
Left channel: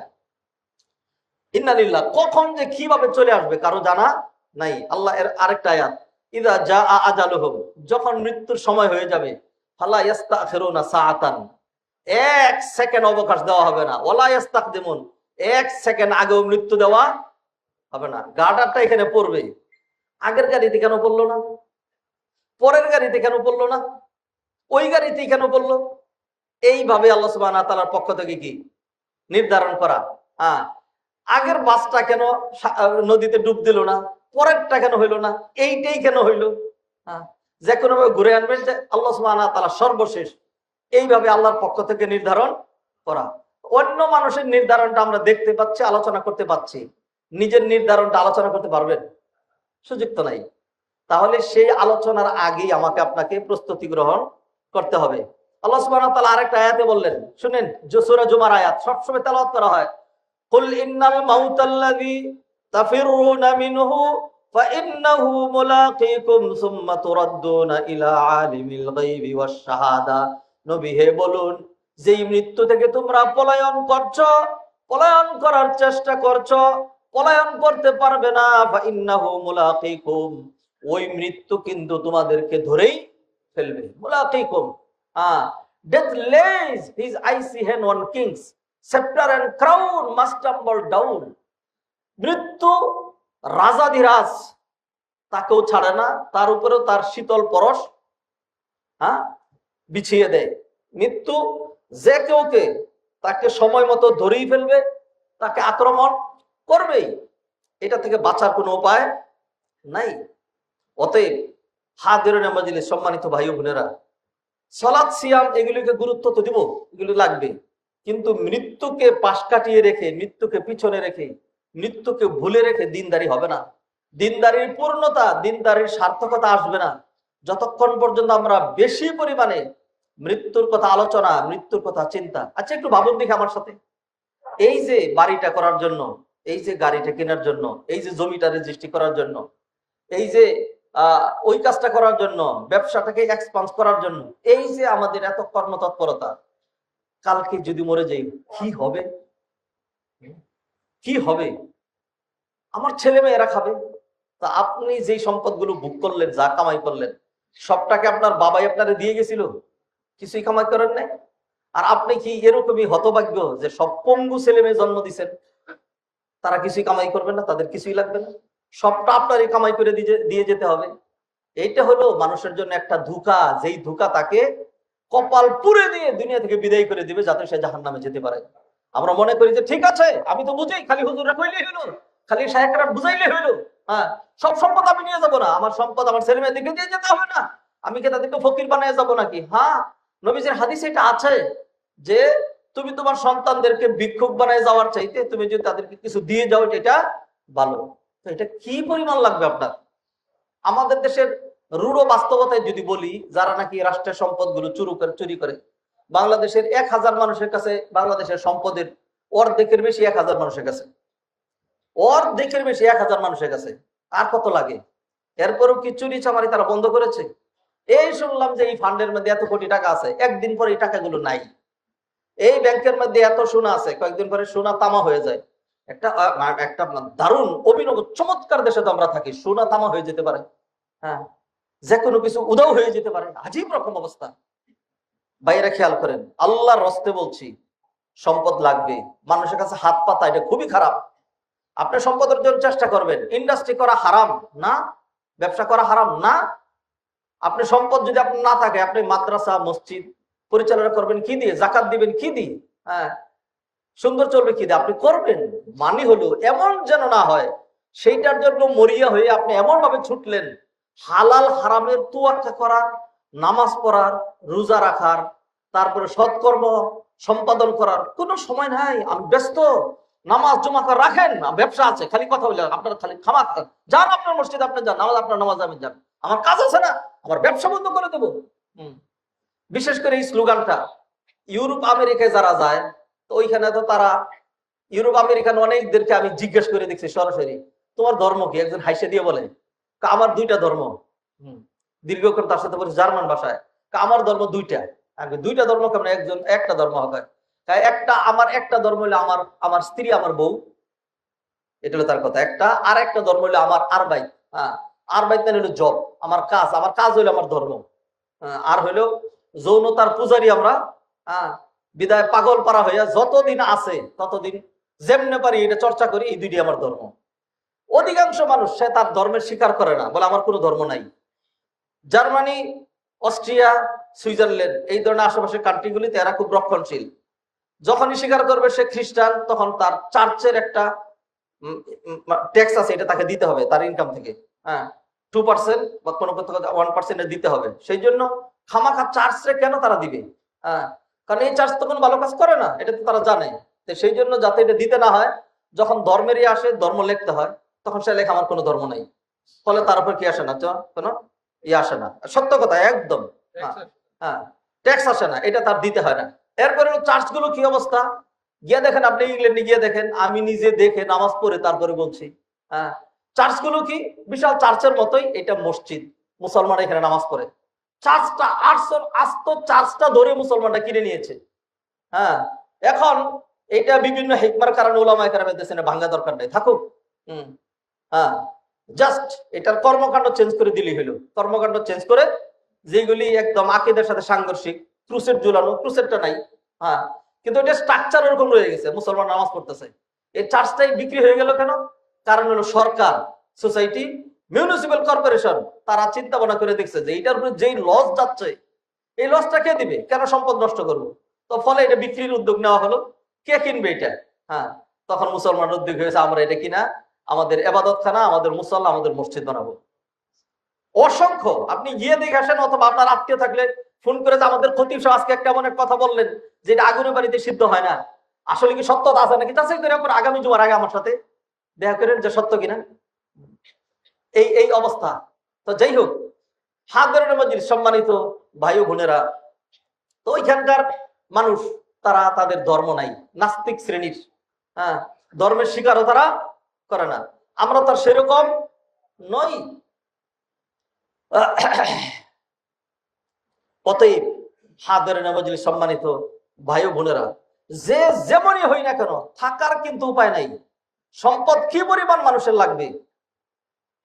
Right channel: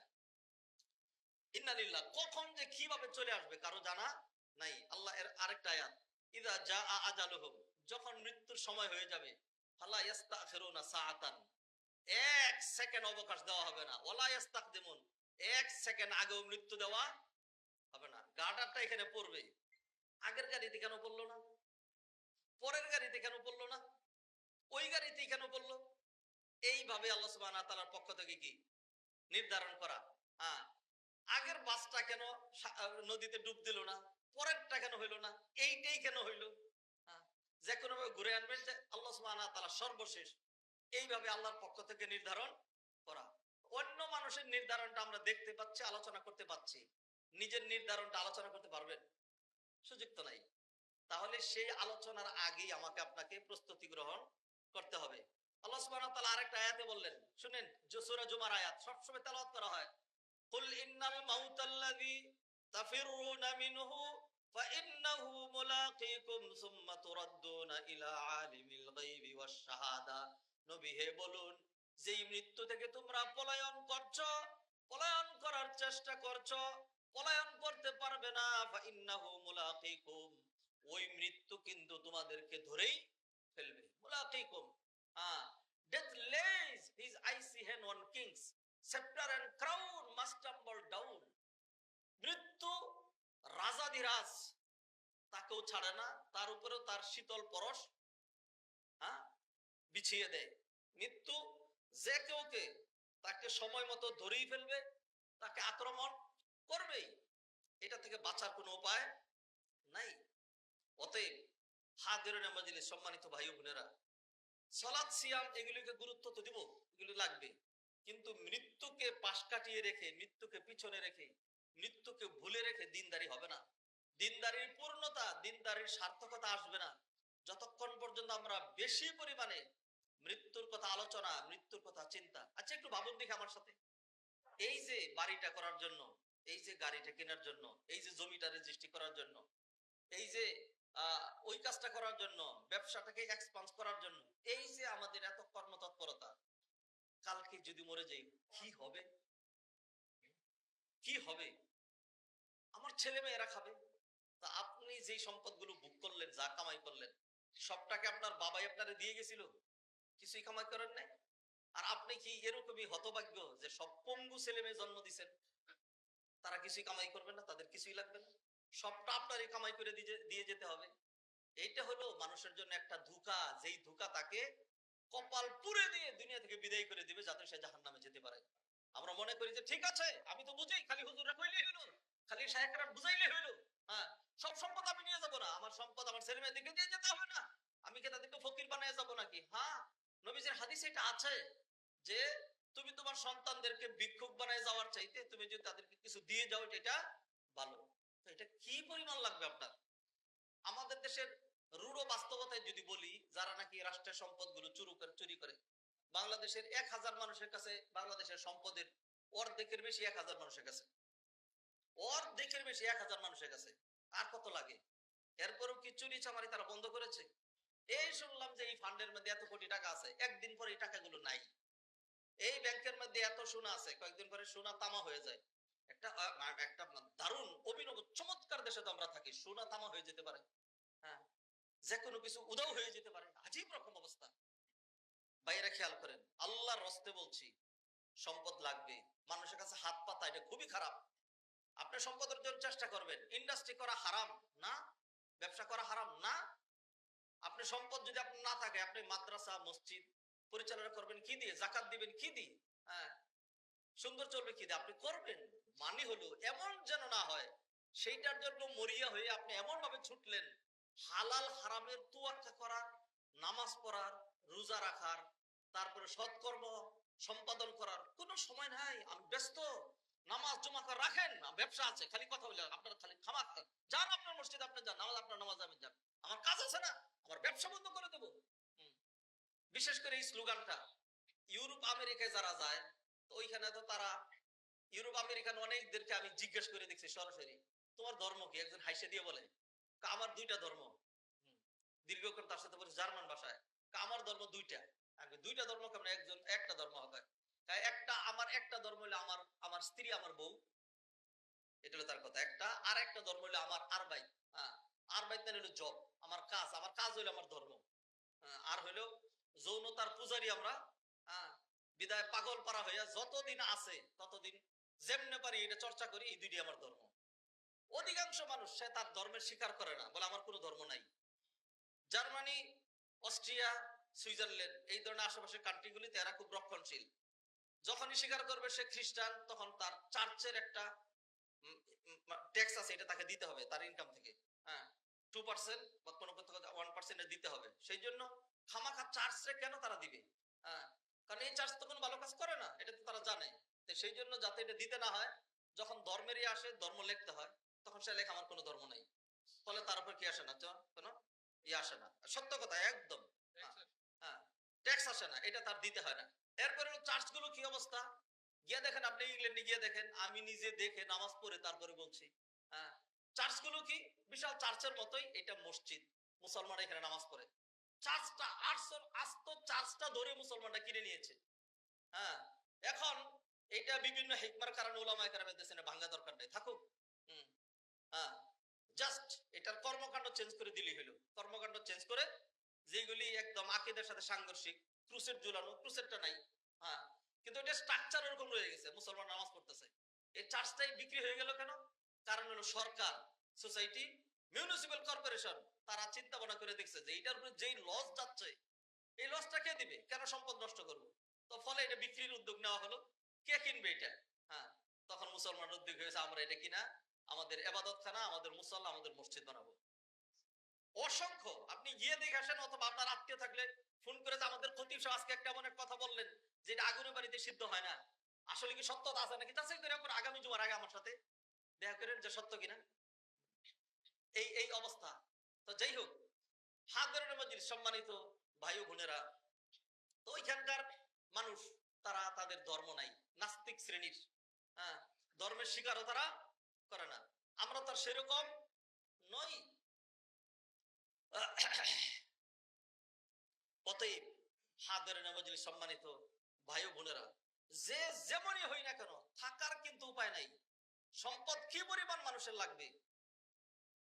ইন্নালিল্লাহ, কখন যে কিভাবে চলে আসবে কারো জানা নাই। আল্লাহ এর আরেকটা আয়াত, ইযা জাআ আজালুহুম, যখন মৃত্যুর সময় হয়ে যাবে, ফালা ইস্তাখিরুনা সাআতান, এক সেকেন্ড অবকাশ দেওয়া হবে না, ওয়ালা ইস্তাকদিমুন, এক সেকেন্ড আগেও মৃত্যু দেওয়া হবে না। গার্ডারটা এখানে পড়বে, আগের গাড়িতে কেন পড়লো না, পরের গাড়িতে কেন পড়লো না, ওই গাড়িতে কেন পড়লো। এইভাবে আল্লাহ সুবহানাহু ওয়া তাআলার পক্ষ থেকে কি নির্ধারণ করা। আগের বাসটা কেন নদীতে ডুব দিল না, পরেরটা কেন হইলো না, এইটাই কেন হইলো। যে কোনো ভাবে ঘুরে আনবেন যে আল্লাহ সুবহানাহু ওয়া তাআলা সর্বশেষ, এইভাবে আল্লাহর পক্ষ থেকে নির্ধারণ করা। অন্য মানুষের নির্ধারণটা আমরা দেখতে পাচ্ছি, আলোচনা করতে পাচ্ছি, নিজের নির্ধারণটা আলোচনা করতে পারবেন, সুযোগ তো নাই। তাহলে সেই আলোচনার আগেই আমাকে আপনাকে প্রস্তুতি গ্রহণ করতে হবে। আল্লাহ সুবহানাহু ওয়া তাআলা আরেকটা আয়াতে বললেন, শুনেন, সূরা জুমার আয়াত সবসময় তেলাওয়াত করা হয়, কুল ইন্নাল মাউতাল্লাযী তাফিরুনা মিনহু ফাইন্নাহু মুলাকীকুম সুম্মা তুরাদ্দুনা ইলা আলিমিল গায়বি ওয়াশ শাহাদা। নবী হে বলুন, যেই মৃত্যু থেকে তোমরা পলায়ন করছো, পলায়ন করার চেষ্টা করছো, পলায়ন করতে পারবে না, ফাইন্নাহু মুলাকীকুম, ওই মৃত্যু কিন্তু তোমাদেরকে ধরেই ফেলবে। মুলাকীকুম, death lays his icy hand on kings, scepter and crown must tumble down. মৃত্যু রাজাধিরাজ, তাকেও ছাড়ে না, তার উপরেও তার শীতল পরশ বিছিয়ে দেয়। মৃত্যু যে কেউকে তাকে সময় মতো ধরেই ফেলবে, তাকে আক্রমণ করবেই, এটা থেকে বাঁচার কোনো উপায় নাই। অতএব হাদিরিনে মজলিস, সম্মানিত ভাই ও বোনেরা, সালাত সিয়াম এগুলিকে গুরুত্ব তো দিব, এগুলো লাগবে, কিন্তু মৃত্যুকে পাশ কাটিয়ে রেখে, মৃত্যুকে পিছনে রেখে, মৃত্যুকে ভুলে রেখে দিনদারি হবে না। দিনদারির পূর্ণতা, দিনদারির সার্থকতা আসবে না যতক্ষণ পর্যন্ত আমরা বেশি পরিমাণে মৃত্যুর কথা আলোচনা, মৃত্যুর কথা চিন্তা। আচ্ছা একটু ভাবুন দেখি আমার সাথে, এই যে বাড়িটা করার জন্য, এই যে গাড়িটা কেনার জন্য, এই যে জমিটা রেজিস্ট্রি করার জন্য, এই যে ওই কাজটা করার জন্য, ব্যবসাটাকে এক্সপান্স করার জন্য, এই যে আমাদের এত কর্মতৎপরতা, কালকে যদি মরে যাই কি হবে? কি হবে? আমার ছেলে মেয়েরা খাবে। তা আপনি যেই সম্পদগুলো ভোগ করলেন, যা কামাই করলেন, সবটাকে আপনার বাবাই আপনারে দিয়ে গেছিল? কিছুই কামাই করেন নাই। আর আপনি কি এরকমই হতভাগ্য যে সব পঙ্গু ছেলে মেয়ে জন্ম দিচ্ছেন, তারা কিছুই কামাই করবেন না, তাদের কিছুই লাগবে না, সবটা আপনারই কামাই করে দিয়ে যেতে হবে? এইটা হলো মানুষের জন্য একটা ধোঁকা, যেই ধোঁকা তাকে কপাল পুড়ে দিয়ে দুনিয়া থেকে বিদায় করে দিবে, যাতে সে জাহান্নামে যেতে পারে। আমরা মনে করি যে ঠিক আছে, আমি তো বুঝি, খালি হুজুররা কইলেই হইলো, খালি শায়েখরা বুঝাইলে হইলো, হ্যাঁ সব সম্পদ আমি নিয়ে যাবো না, আমার সম্পদ আমার ছেলে মেয়েদেরকে দিয়ে যেতে হবে না, আমি কি তাদেরকে ফকির বানিয়ে যাবো নাকি? হ্যাঁ, নবীজির হাদিসে এটা আছে যে তুমি তোমার সন্তানদেরকে ভিক্ষুক বানায় যাওয়ার চাইতে তুমি যদি তাদেরকে কিছু দিয়ে যাও এটা ভালো। তো এটা কি পরিমাণ লাগবে আপনার? আমাদের দেশের রূঢ় বাস্তবতায় যদি বলি, যারা নাকি রাষ্ট্রের সম্পদগুলো চুরি করে, বাংলাদেশের 1000 মানুষের কাছে বাংলাদেশের সম্পদের অর্ধেকের বেশি 1000 মানুষের কাছে, অর্ধেকের বেশি 1000 মানুষের কাছে। আর কত লাগে? এরপরও কি চুরি চামারি তারা বন্ধ করেছে? এই শুনলাম যে এই ফান্ডের মধ্যে এত কোটি টাকা আছে, একদিন পরে এই টাকাগুলো নাই। এই ব্যাংকের মধ্যে এত সোনা আছে, কয়েকদিন পরে সোনা তামা হয়ে যায়। একটা একটা দারুণ অভিনব চমৎকার দেশে তো আমরা থাকি, সোনা তামা হয়ে যেতে পারে, হ্যাঁ, যে কোনো কিছু উদাও হয়ে যেতে পারে, আজীব রকম অবস্থা। বাইরে খেয়াল করেন, আল্লাহর রস্তে বলছি, সম্পদ লাগবে, মানুষের কাছে হাত পাতা এটা খুবই খারাপ। আপনি সম্পদ অর্জনের চেষ্টা করবেন, ইন্ডাস্ট্রি করা হারাম না, ব্যবসা করা হারাম না। আপনি সম্পদ যদি আপনার না থাকে, আপনি মাদ্রাসা মসজিদ পরিচালনা করবেন কি দিয়ে? জাকাত দিবেন কি দিয়ে? হ্যাঁ, সুন্দর চলবে কি দিয়ে? আপনি করবেন, মানে হলো এমন যেন না হয় সেইটার জন্য মরিয়া হয়ে আপনি এমন ভাবে ছুটলেন, হালাল হারামের তুয়াক্কা করার, নামাজ পড়ার, রোজা রাখার, তারপরে সৎকর্ম সম্পাদন করার কোনো সময় নাই, আমি ব্যস্ত, নামাজ জমা করে রাখেন না, ব্যবসা আছে, খালি কথা বলে আপনার, খালি খামা যান আপনার মসজিদ, আপনি যান, নামাজ আপনার নামাজ আমি যান, আমার কাজ আছে না, আমার ব্যবসা বন্ধ করে দেবো। বিশেষ করে এই স্লোগানটা ইউরোপ আমেরিকায় যারা যায়, তো ওইখানে তো তারা, ইউরোপ আমেরিকান অনেকদেরকে আমি জিজ্ঞেস করে দেখছি সরাসরি, তোমার ধর্ম কি? একজন হাইসে দিয়ে বলে, আমার দুইটা ধর্ম। দীর্ঘক্ষণ তার সাথে বলছে জার্মান ভাষায়, আমার ধর্ম দুইটা। আমি দুইটা ধর্ম কেমন? একজন একটা ধর্ম হবে, একটা আমার একটা ধর্ম হলো আমার আমার স্ত্রী আমার বউ, এটা হলো তার কথা একটা। আর একটা ধর্ম হলো আমার আরবাই, হ্যাঁ, আরবাই মানে হলো জব, আমার কাজ, আমার কাজ হইলো আমার ধর্ম। আর হইলো যৌনতার পূজারী আমরা, হ্যাঁ, বিদায় পাগল পারা হইয়া যতদিন আছে ততদিন যেমনে পারি এটা চর্চা করি, এই দুইটি আমার ধর্ম। অধিকাংশ মানুষ সে তার ধর্মের স্বীকার করে না, বলে আমার কোনো ধর্ম নাই। জার্মানি, অস্ট্রিয়া, সুইজারল্যান্ড এই ধরনের আশেপাশের কান্ট্রিগুলিতে এরা খুব রক্ষণশীল। যখনই স্বীকার করবে সে খ্রিস্টান, তখন তার চার্চের একটা ট্যাক্স আছে, এটা তাকে দিতে হবে তার ইনকাম থেকে, হ্যাঁ, 2% বা কোনো 1% দিতে হবে। সেই জন্য খামাখা চার্চে কেন তারা দিবে? হ্যাঁ, কারণ এই চার্চ তো কোনো ভালো কাজ করে না, এটা তো তারা জানে। তো সেই জন্য যাতে এটা দিতে না হয়, যখন ধর্মেরই আসে ধর্ম লিখতে হয়, তখন সে লেখা আমার কোনো ধর্ম নেই, ফলে তার উপর কি আসে না, কোনো ইয়ে আসে না, সত্য কথা একদম। হ্যাঁ, ট্যাক্স আসে না, এটা তার দিতে হয় না। এরপরে চার্চ গুলো কি অবস্থা গিয়ে দেখেন, আপনি ইংল্যান্ডে গিয়ে দেখেন, আমি নিজে দেখে নামাজ পড়ে তারপরে বলছি, হ্যাঁ, চার্চ গুলো কি বিশাল চার্চের মতোই, এটা মসজিদ, মুসলমান এখানে নামাজ পড়ে। চার্চটা আস্ত চার্চটা ধরে মুসলমানরা কিনে নিয়েছে। হ্যাঁ, এখন এটা বিভিন্ন হিকমার কারণে ওলামায়ে কেরামের দেশে ভাঙা দরকার নেই, থাকুক। হ্যাঁ, জাস্ট এটার কর্মকাণ্ড চেঞ্জ করে দিলেই হলো, কর্মকাণ্ড চেঞ্জ করে যেগুলি একদম আকীদার সাথে সাংঘর্ষিক, ক্রুসেড ঝুলানো, ক্রুসেডটা নাই, হ্যাঁ, কিন্তু এটা স্ট্রাকচার এরকম রয়ে গেছে, মুসলমান নামাজ পড়তেছে। এই চার্চটাই বিক্রি হয়ে গেল কেন? কারণ হলো সরকার, সোসাইটি, মিউনিসিপাল কর্পোরেশন তারা চিন্তা ভাবনা করে দেখছে যে এটার উপরে যেই লস যাচ্ছে, এই লসটা কে দিবে? কেন সম্পদ নষ্ট করবো? তো ফলে এটা বিক্রির উদ্যোগ নেওয়া হলো। কে কিনবে এটা? হ্যাঁ, তখন মুসলমান উদ্যোগ হয়েছে, আমরা এটা কিনা আমাদের এবাদতখানা, আমাদের মুসল্লা, আমাদের মসজিদ বানাবো। অসংখ্য, আপনি গিয়ে দেখে আসেন, অথবা আপনার আত্মীয় থাকলে ফোন করে যে আমাদের খতিব সাহেব আজকে একটা এমন এক কথা বললেন যে এটা আগুনের বাড়িতে সিদ্ধ হয় না, আসলে কি সত্যতা আছে নাকি যাচাই করে পর আগামী জুমার আগে আমার সাথে দেখা করেন যে সত্য কিনা। এই এই অবস্থা। তো যাই হোক, হাজারের মজলিস সম্মানিত ভাই ও বোনেরা, তো ওইখানকার মানুষ তারা তাদের ধর্ম নাই, নাস্তিক শ্রেণীর, হ্যাঁ, ধর্মের স্বীকারও তারা করে না। আমরা তার সেরকম নই। অতএব হাজারের মজলিস সম্মানিত ভাই ও বোনেরা, যে যেমনই হই না কেন থাকার কিন্তু উপায় নাই। সম্পদ কি পরিমাণ মানুষের লাগবে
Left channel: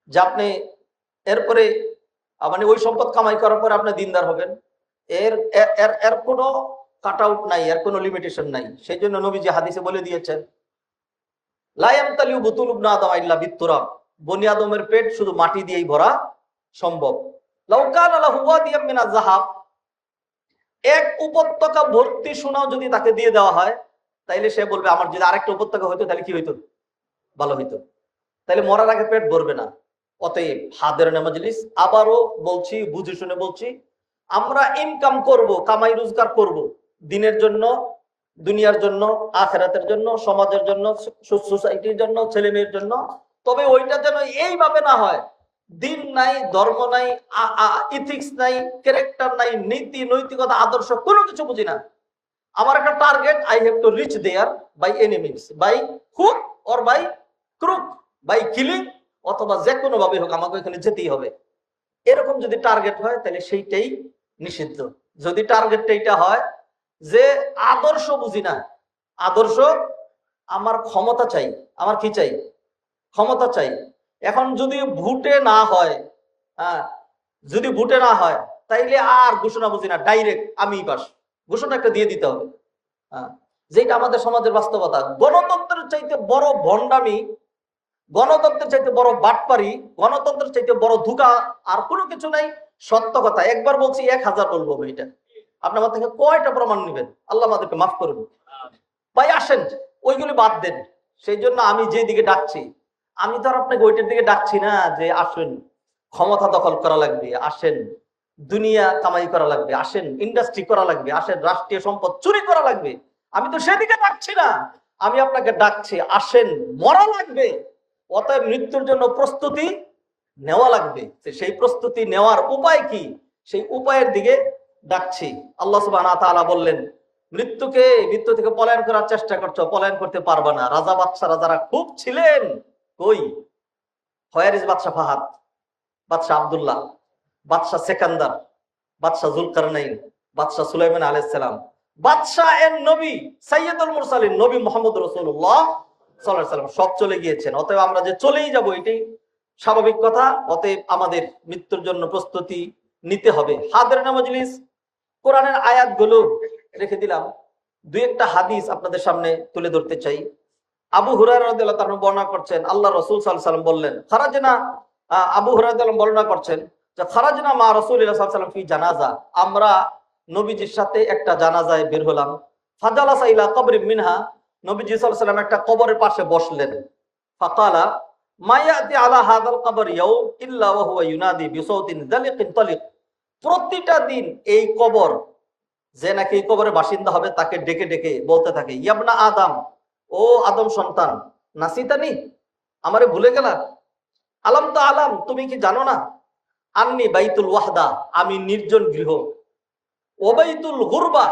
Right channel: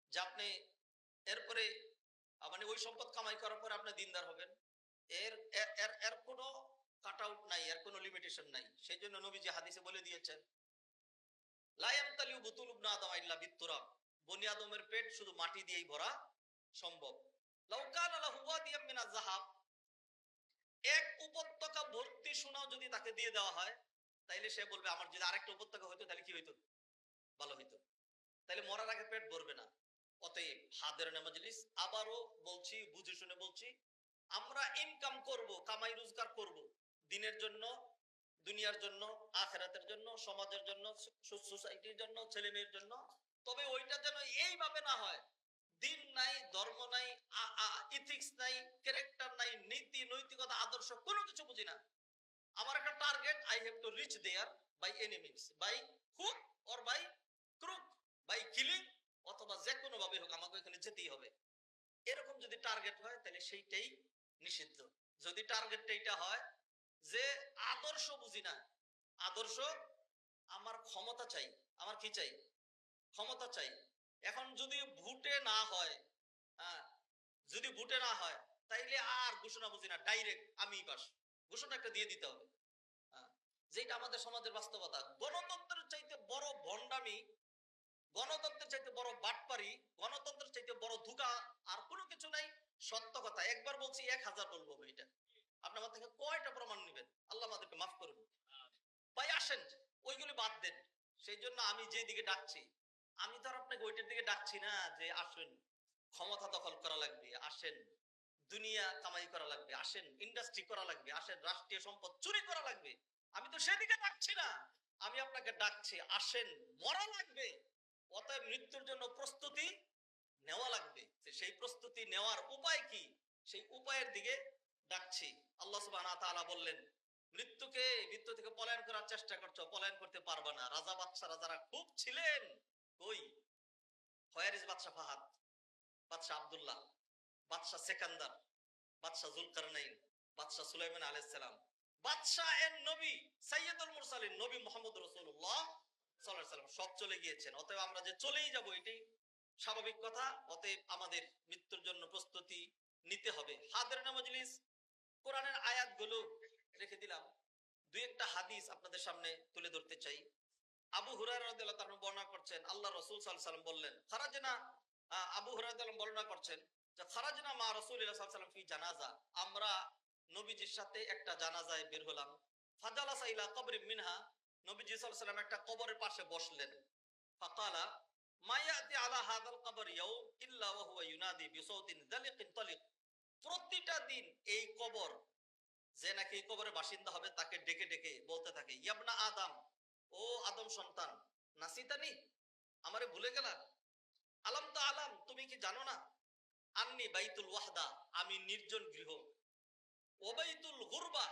যে আপনি এরপরে মানে ওই সম্পদ কামাই করার পরে আপনি দিনদার হবেন, এর এর এর কোনো কাট আউট নাই, এর কোনো লিমিটেশন নাই। সেই জন্য নবীজি হাদিসে বলে দিয়েছেন, লা ইয়ামতালিউ বুতুল ইবনে আদম ইল্লা বিত্তুরাব, বনি আদমের পেট শুধু মাটি দিয়েই ভরা সম্ভব। লাউ কানা লাহু ওয়াদিয়াম মিনাজ যাহাব, এক উপত্যকা ভর্তি সোনাও যদি তাকে দিয়ে দেওয়া হয় তাইলে সে বলবে আমার যদি আরেকটা উপত্যকা হইতো তাহলে কি হইতো, ভালো হইতো। তাহলে মরার আগে পেট ভরবে না। অতএব হাদিরিন মজলিস, আবারও বলছি, বুঝে শুনে বলছি, আমরা ইনকাম করব, কামাই রোজগার করব দিনের জন্য, দুনিয়ার জন্য, আখিরাতের জন্য, সমাজের জন্য, সোসাইটির জন্য, ছেলে মেয়ের জন্য। তবে ওইটা যেন এইভাবে না হয় দিন নাই, ধর্ম নাই, ইথিক্স নাই, ক্যারেক্টার নাই, নীতি নৈতিকতা আদর্শ কোনো কিছু বুঝি না। আমার একটা target, I have to reach there by any means, by hook or by crook, by killing, অথবা যে কোনো ভাবে হোক আমাকে এখানে যেতেই হবে। এরকম যদি টার্গেট হয় তাহলে সেইটাই নিষিদ্ধ। যদি টার্গেটটা এটা হয় যে আদর্শ বুঝি না, আদর্শ আমার ক্ষমতা চাই, আমার কি চাই, ক্ষমতা চাই। এখন যদি ভোটে না হয়, হ্যাঁ, যদি ভোটে না হয় তাইলে আর ঘোষণা বুঝি না, ডাইরেক্ট আমি পাস, ঘোষণা একটা দিয়ে দিতে হবে। হ্যাঁ, যেটা আমাদের সমাজের বাস্তবতা। গণতন্ত্রের চাইতে বড় ভণ্ডামি, গণতন্ত্রের চাইতে বড় বাটপারি, গণতন্ত্রের চাইতে বড় ধোঁকা আর কোনো কিছু নাই। সত্য কথা একবার বলছি, 1000 বলবো। এটা আপনার আমার থেকে কয়টা প্রমাণ নেবেন? আল্লাহ আমাদেরকে মাফ করুন। ভাই আসেন, ওইগুলি বাদ দেন। সেই জন্য আমি যে দিকে ডাকছি, আমি তো আর আপনাকে ওইটার দিকে ডাকছি না যে আসেন ক্ষমতা দখল করা লাগবে, আসেন দুনিয়া কামাই করা লাগবে, আসেন ইন্ডাস্ট্রি করা লাগবে, আসেন রাষ্ট্রীয় সম্পদ চুরি করা লাগবে। আমি তো সেদিকে ডাকছি না, আমি আপনাকে ডাকছি আসেন মরা লাগবে, অতএব মৃত্যুর জন্য প্রস্তুতি নেওয়া লাগবে। সেই প্রস্তুতি নেওয়ার উপায় কি, সেই উপায়ের দিকে ডাকছি। আল্লাহ সুবহানাহু ওয়া তাআলা বললেন, মৃত্যু থেকে পলায়ন করার চেষ্টা করছো, পলায়ন করতে পারবা না। রাজা বাদশারা যারা খুব ছিলেন, কই, হয়ারিজ বাদশাহ ফাহাদ, বাদশাহ আব্দুল্লাহ, বাদশাহ সেকান্দার, বাদশাহ জুলকারনাইন, বাদশাহ সুলাইমান আলাইহিস সালাম, বাদশাহ এর নবী সাইয়্যিদুল মুরসালিন নবী মুহাম্মদ রাসূলুল্লাহ সাল্লাল্লাহু আলাইহি ওয়াসাল্লাম সব চলে গিয়েছেন। অতএব আমরা যে চলেই যাব এটাই স্বাভাবিক কথা। অতএব আমাদের মৃত্যুর জন্য প্রস্তুতি নিতে হবে। হাদিরিন মজলিস, কোরআনের আয়াতগুলো রেখে দিলাম, দুই একটা হাদিস আপনাদের সামনে তুলে ধরতে চাই। আবু হুরায়রা রাদিয়াল্লাহু তাআলা বর্ণনা করছেন, আল্লাহ রাসূল সাল্লাল্লাহু আলাইহি ওয়াসাল্লাম বললেন, খারাজনা, আবু হুরায়রা রাদিয়াল্লাহু বর্ণনা করছেন যে খারাজনা মা রাসূলিল্লাহ সাল্লাল্লাহু আলাইহি ওয়াসাল্লাম ফি জানাজা, আমরা নবীজির সাথে একটা জানাজায় বের হলাম। ফাজালাসা ইলা কবরিন মিনহা, নবীজি সাল্লাল্লাহু আলাইহি ওয়াসাল্লাম একটা কবরের পাশে বসলেন। ফাকালা মা ইয়াতি আলা হাযাল কবর ইয়াউম ইল্লা ওয়া হুয়া ইউনাদি বিসাউতিন যালিকিন তালিক, প্রতিটা দিন এই কবর, যে নাকি এই কবরের বাসিন্দা হবে তাকে ডেকে ডেকে বলতে থাকে, ইয়াবনা আদম, ও আদম সন্তান, নাসিতানি, আমারে ভুলে গেলা, আলাম তো আলাম, তুমি কি জানো না, আন্নি বাইতুল ওয়াহদা, আমি নির্জন গৃহ, ওবাইতুল গুরবা,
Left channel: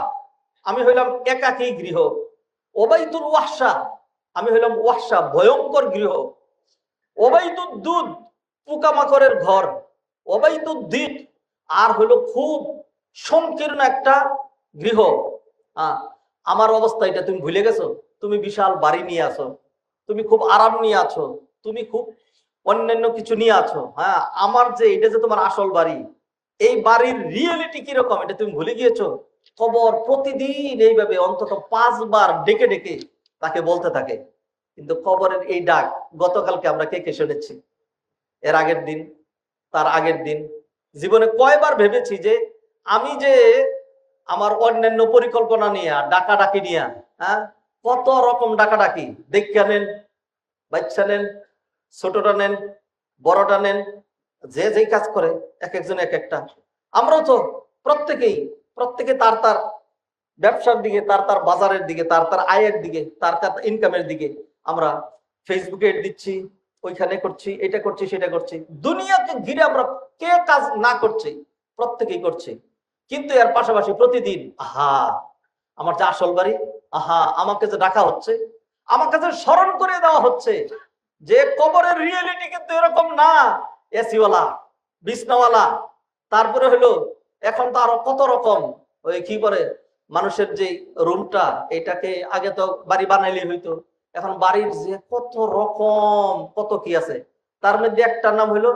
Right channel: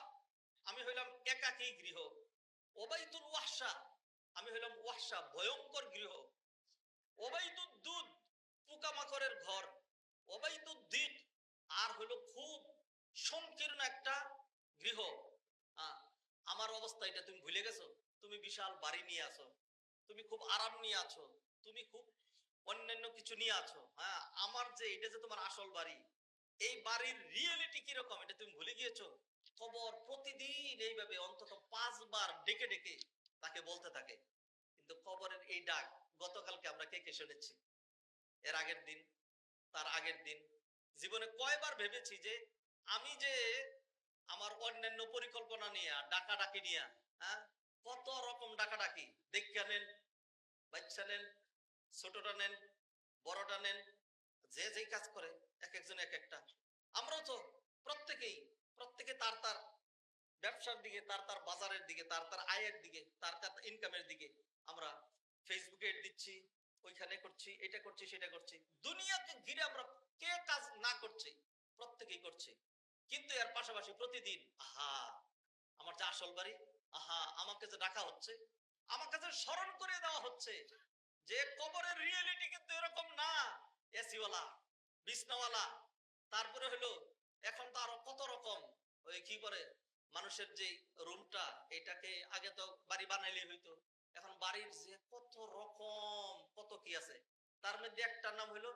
আমি হইলাম একাকী গৃহ, ওবাইতুল ওয়াহশা, আমি হইলাম ওয়াহশা ভয়ঙ্কর গৃহ, ওবাইতুদ দুধ, পোকামাকড়ের ঘর, ওবাইতুদ দিক, আর হইল খুব সংকীর্ণ একটা গৃহ। আমার অবস্থা এটা তুমি ভুলে গেছো? তুমি বিশাল বাড়ি নিয়ে আছো, তুমি খুব আরাম নিয়ে আছো, তুমি খুব অন্যান্য কিছু নিয়ে আছো। হ্যাঁ, আমার যে এটা যে তোমার আসল বাড়ি, এই বাড়ির রিয়েলিটি কিরকম এটা তুমি ভুলে গিয়েছো। কবর প্রতিদিন এইভাবে অন্তত 5 বার ডেকে ডেকে তাকে বলতে থাকে। কিন্তু কবরের এই ডাক গতকালকে আমরা কে কে শুনেছি? এর আগের দিন, তার আগের দিন, জীবনে কয়বার ভেবেছি যে আমি যে আমার অন্যান্য পরিকল্পনা নিয়ে ডাকাডাকি নিয়ে, হ্যাঁ, কত রকম ডাকাডাকি, দেখা নেন, বাচ্চা নেন, ছোটটা নেন, বড়টা নেন, যে যেই কাজ করে এক একজন এক একটা। আমরাও তো প্রত্যেকেই প্রত্যেকে তার তার ব্যবসার দিকে, তার তার বাজারের দিকে, তার তার আয়ের দিকে, তার তার ইনকামের দিকে আমরা ফেসবুকে দিচ্ছি, ওইখানে করছি, এটা করছি, সেটা করছি। দুনিয়াকে ঘিরে আমরা কে কাজ না করছি, প্রত্যেকেই করছি। কিন্তু এর পাশাপাশি প্রতিদিন আহা আমার যে আসল বাড়ি, আহা আমাকে যে ডাকা হচ্ছে, আমার কাছে স্মরণ করে দেওয়া হচ্ছে যে কবরের রিয়েলিটি কিন্তু এরকম না। এসিওয়ালা, বিছনাওয়ালা, তারপরে হলো এখন তো আরো কত রকম ওই কি করে মানুষের যে রুমটা, এটাকে আগে তো বাড়ি বানাইলে হইতো, এখন বাড়ির যে কত রকম কত কি আছে, তার মধ্যে একটা নাম হলো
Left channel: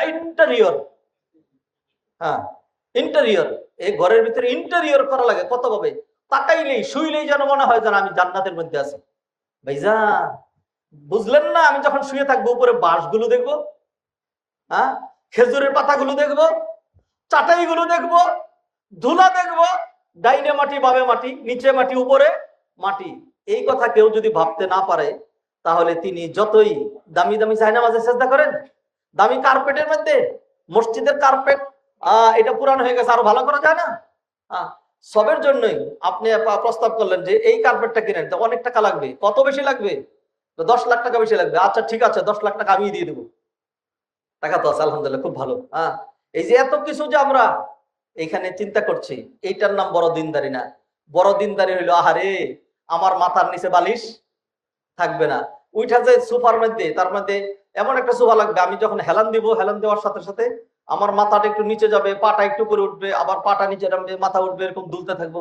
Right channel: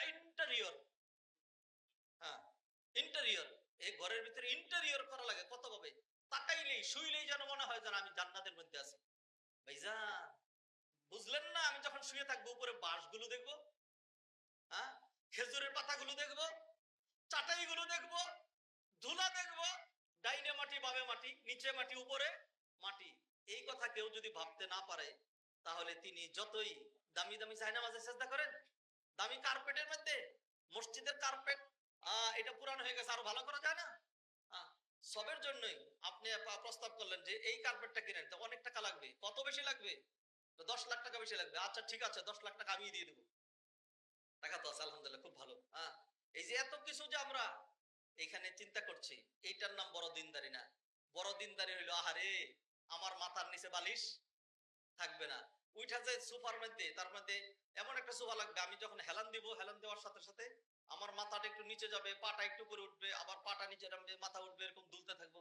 ইন্টেরিয়র। হ্যাঁ, ইন্টেরিয়র। এই ঘরের ভিতরে ইন্টেরিয়র করা লাগে কত ভাবে, তাকাইলেই শুইলেই যেন মনে হয় যেন আমি জান্নাতের মধ্যে আছি। ভাইজা বুঝলেন না, আমি যখন শুয়ে থাকবো উপরে বাঁশগুলো দেখবো, হ্যাঁ, খেজুরের পাতাগুলো দেখবো, চাটাইগুলো দেখবো, ধুলা দেখবো, ডাইনে মাটি বামে মাটি, নিচে মাটি উপরে মাটি। এই কথা কেউ যদি ভাবতে না পারে, তাহলে তিনি যতই দামি দামি জায়নামাজে চেষ্টা করেন, দামি কার্পেটের মধ্যে, মসজিদের কার্পেট এটা পুরানো হয়ে গেছে, আরো ভালো করা যায় না? সবের জন্যই আপনি প্রস্তাব করলেন যে এই কার্পেটটা কিনেন, তো অনেক টাকা লাগবে। কত বেশি লাগবে? 10 লাখ টাকা বেশি লাগবে। আচ্ছা ঠিক আছে, 10 লাখ টাকা আমি দিয়ে দেবো। টাকা তো আছে আলহামদুলিল্লাহ, খুব ভালো। এই যে এত কিছু যে আমরা এখানে চিন্তা করছি, এইটার নাম বড় দিনদারি না। বড় দিনদারি হইলো আহারে আমার মাথার নিচে বালিশ থাকবে না, উইঠা যে সোফার মধ্যে, তার মধ্যে এমন একটা সোফা লাগবে, আমি যখন হেলান দিব, হেলান দেওয়ার সাথে সাথে আমার মাথাটা একটু নিচে যাবে, পাটা একটু করে উঠবে, আবার পাটা নিচে নামবে, মাথা উঠবে, এরকম দুলতে থাকবো।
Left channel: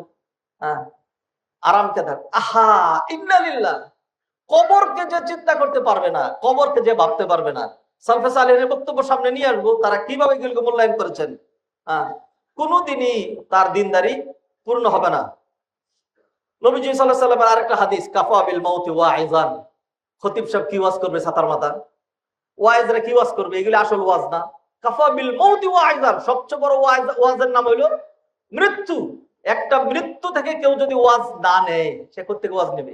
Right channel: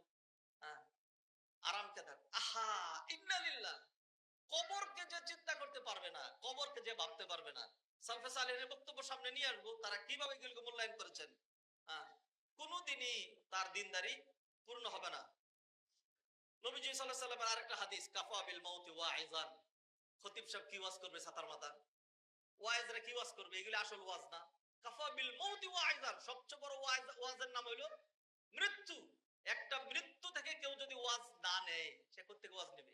আরামকে থাক। আহা ইন্নালিল্লাহ। কবরকে যে চিন্তা করতে পারবে না, কবরকে যে ভাবতে পারবে না, সালফে সালেহের বক্তব্য সামনে নিয়ে আসবো, তারা কিভাবে এগুলোকে মূল্যায়ন করেছেন। কোনোদিনই তার দিনদারি পূর্ণ হবে না। নবীজি সাল্লাল্লাহু আলাইহি ওয়াসাল্লামের আরেকটা হাদিস, কাফা বিল মাউতি ওয়াইজান। খতিব সাহেব কি ওয়াজ করবে ছাতার মাথা, ওয়াইজরা কি ওয়াজ করবে, এগুলো আসল ওয়াজ না। কাফা বিল মাউতি ওয়াইজান, সবচেয়ে বড় ওয়াজের নাম হলো মৃত্যু। একটা মৃত্যু থেকে কেউ যদি ওয়াজ না নেয়, সে কোত্থেকে ওয়াজ নেবে?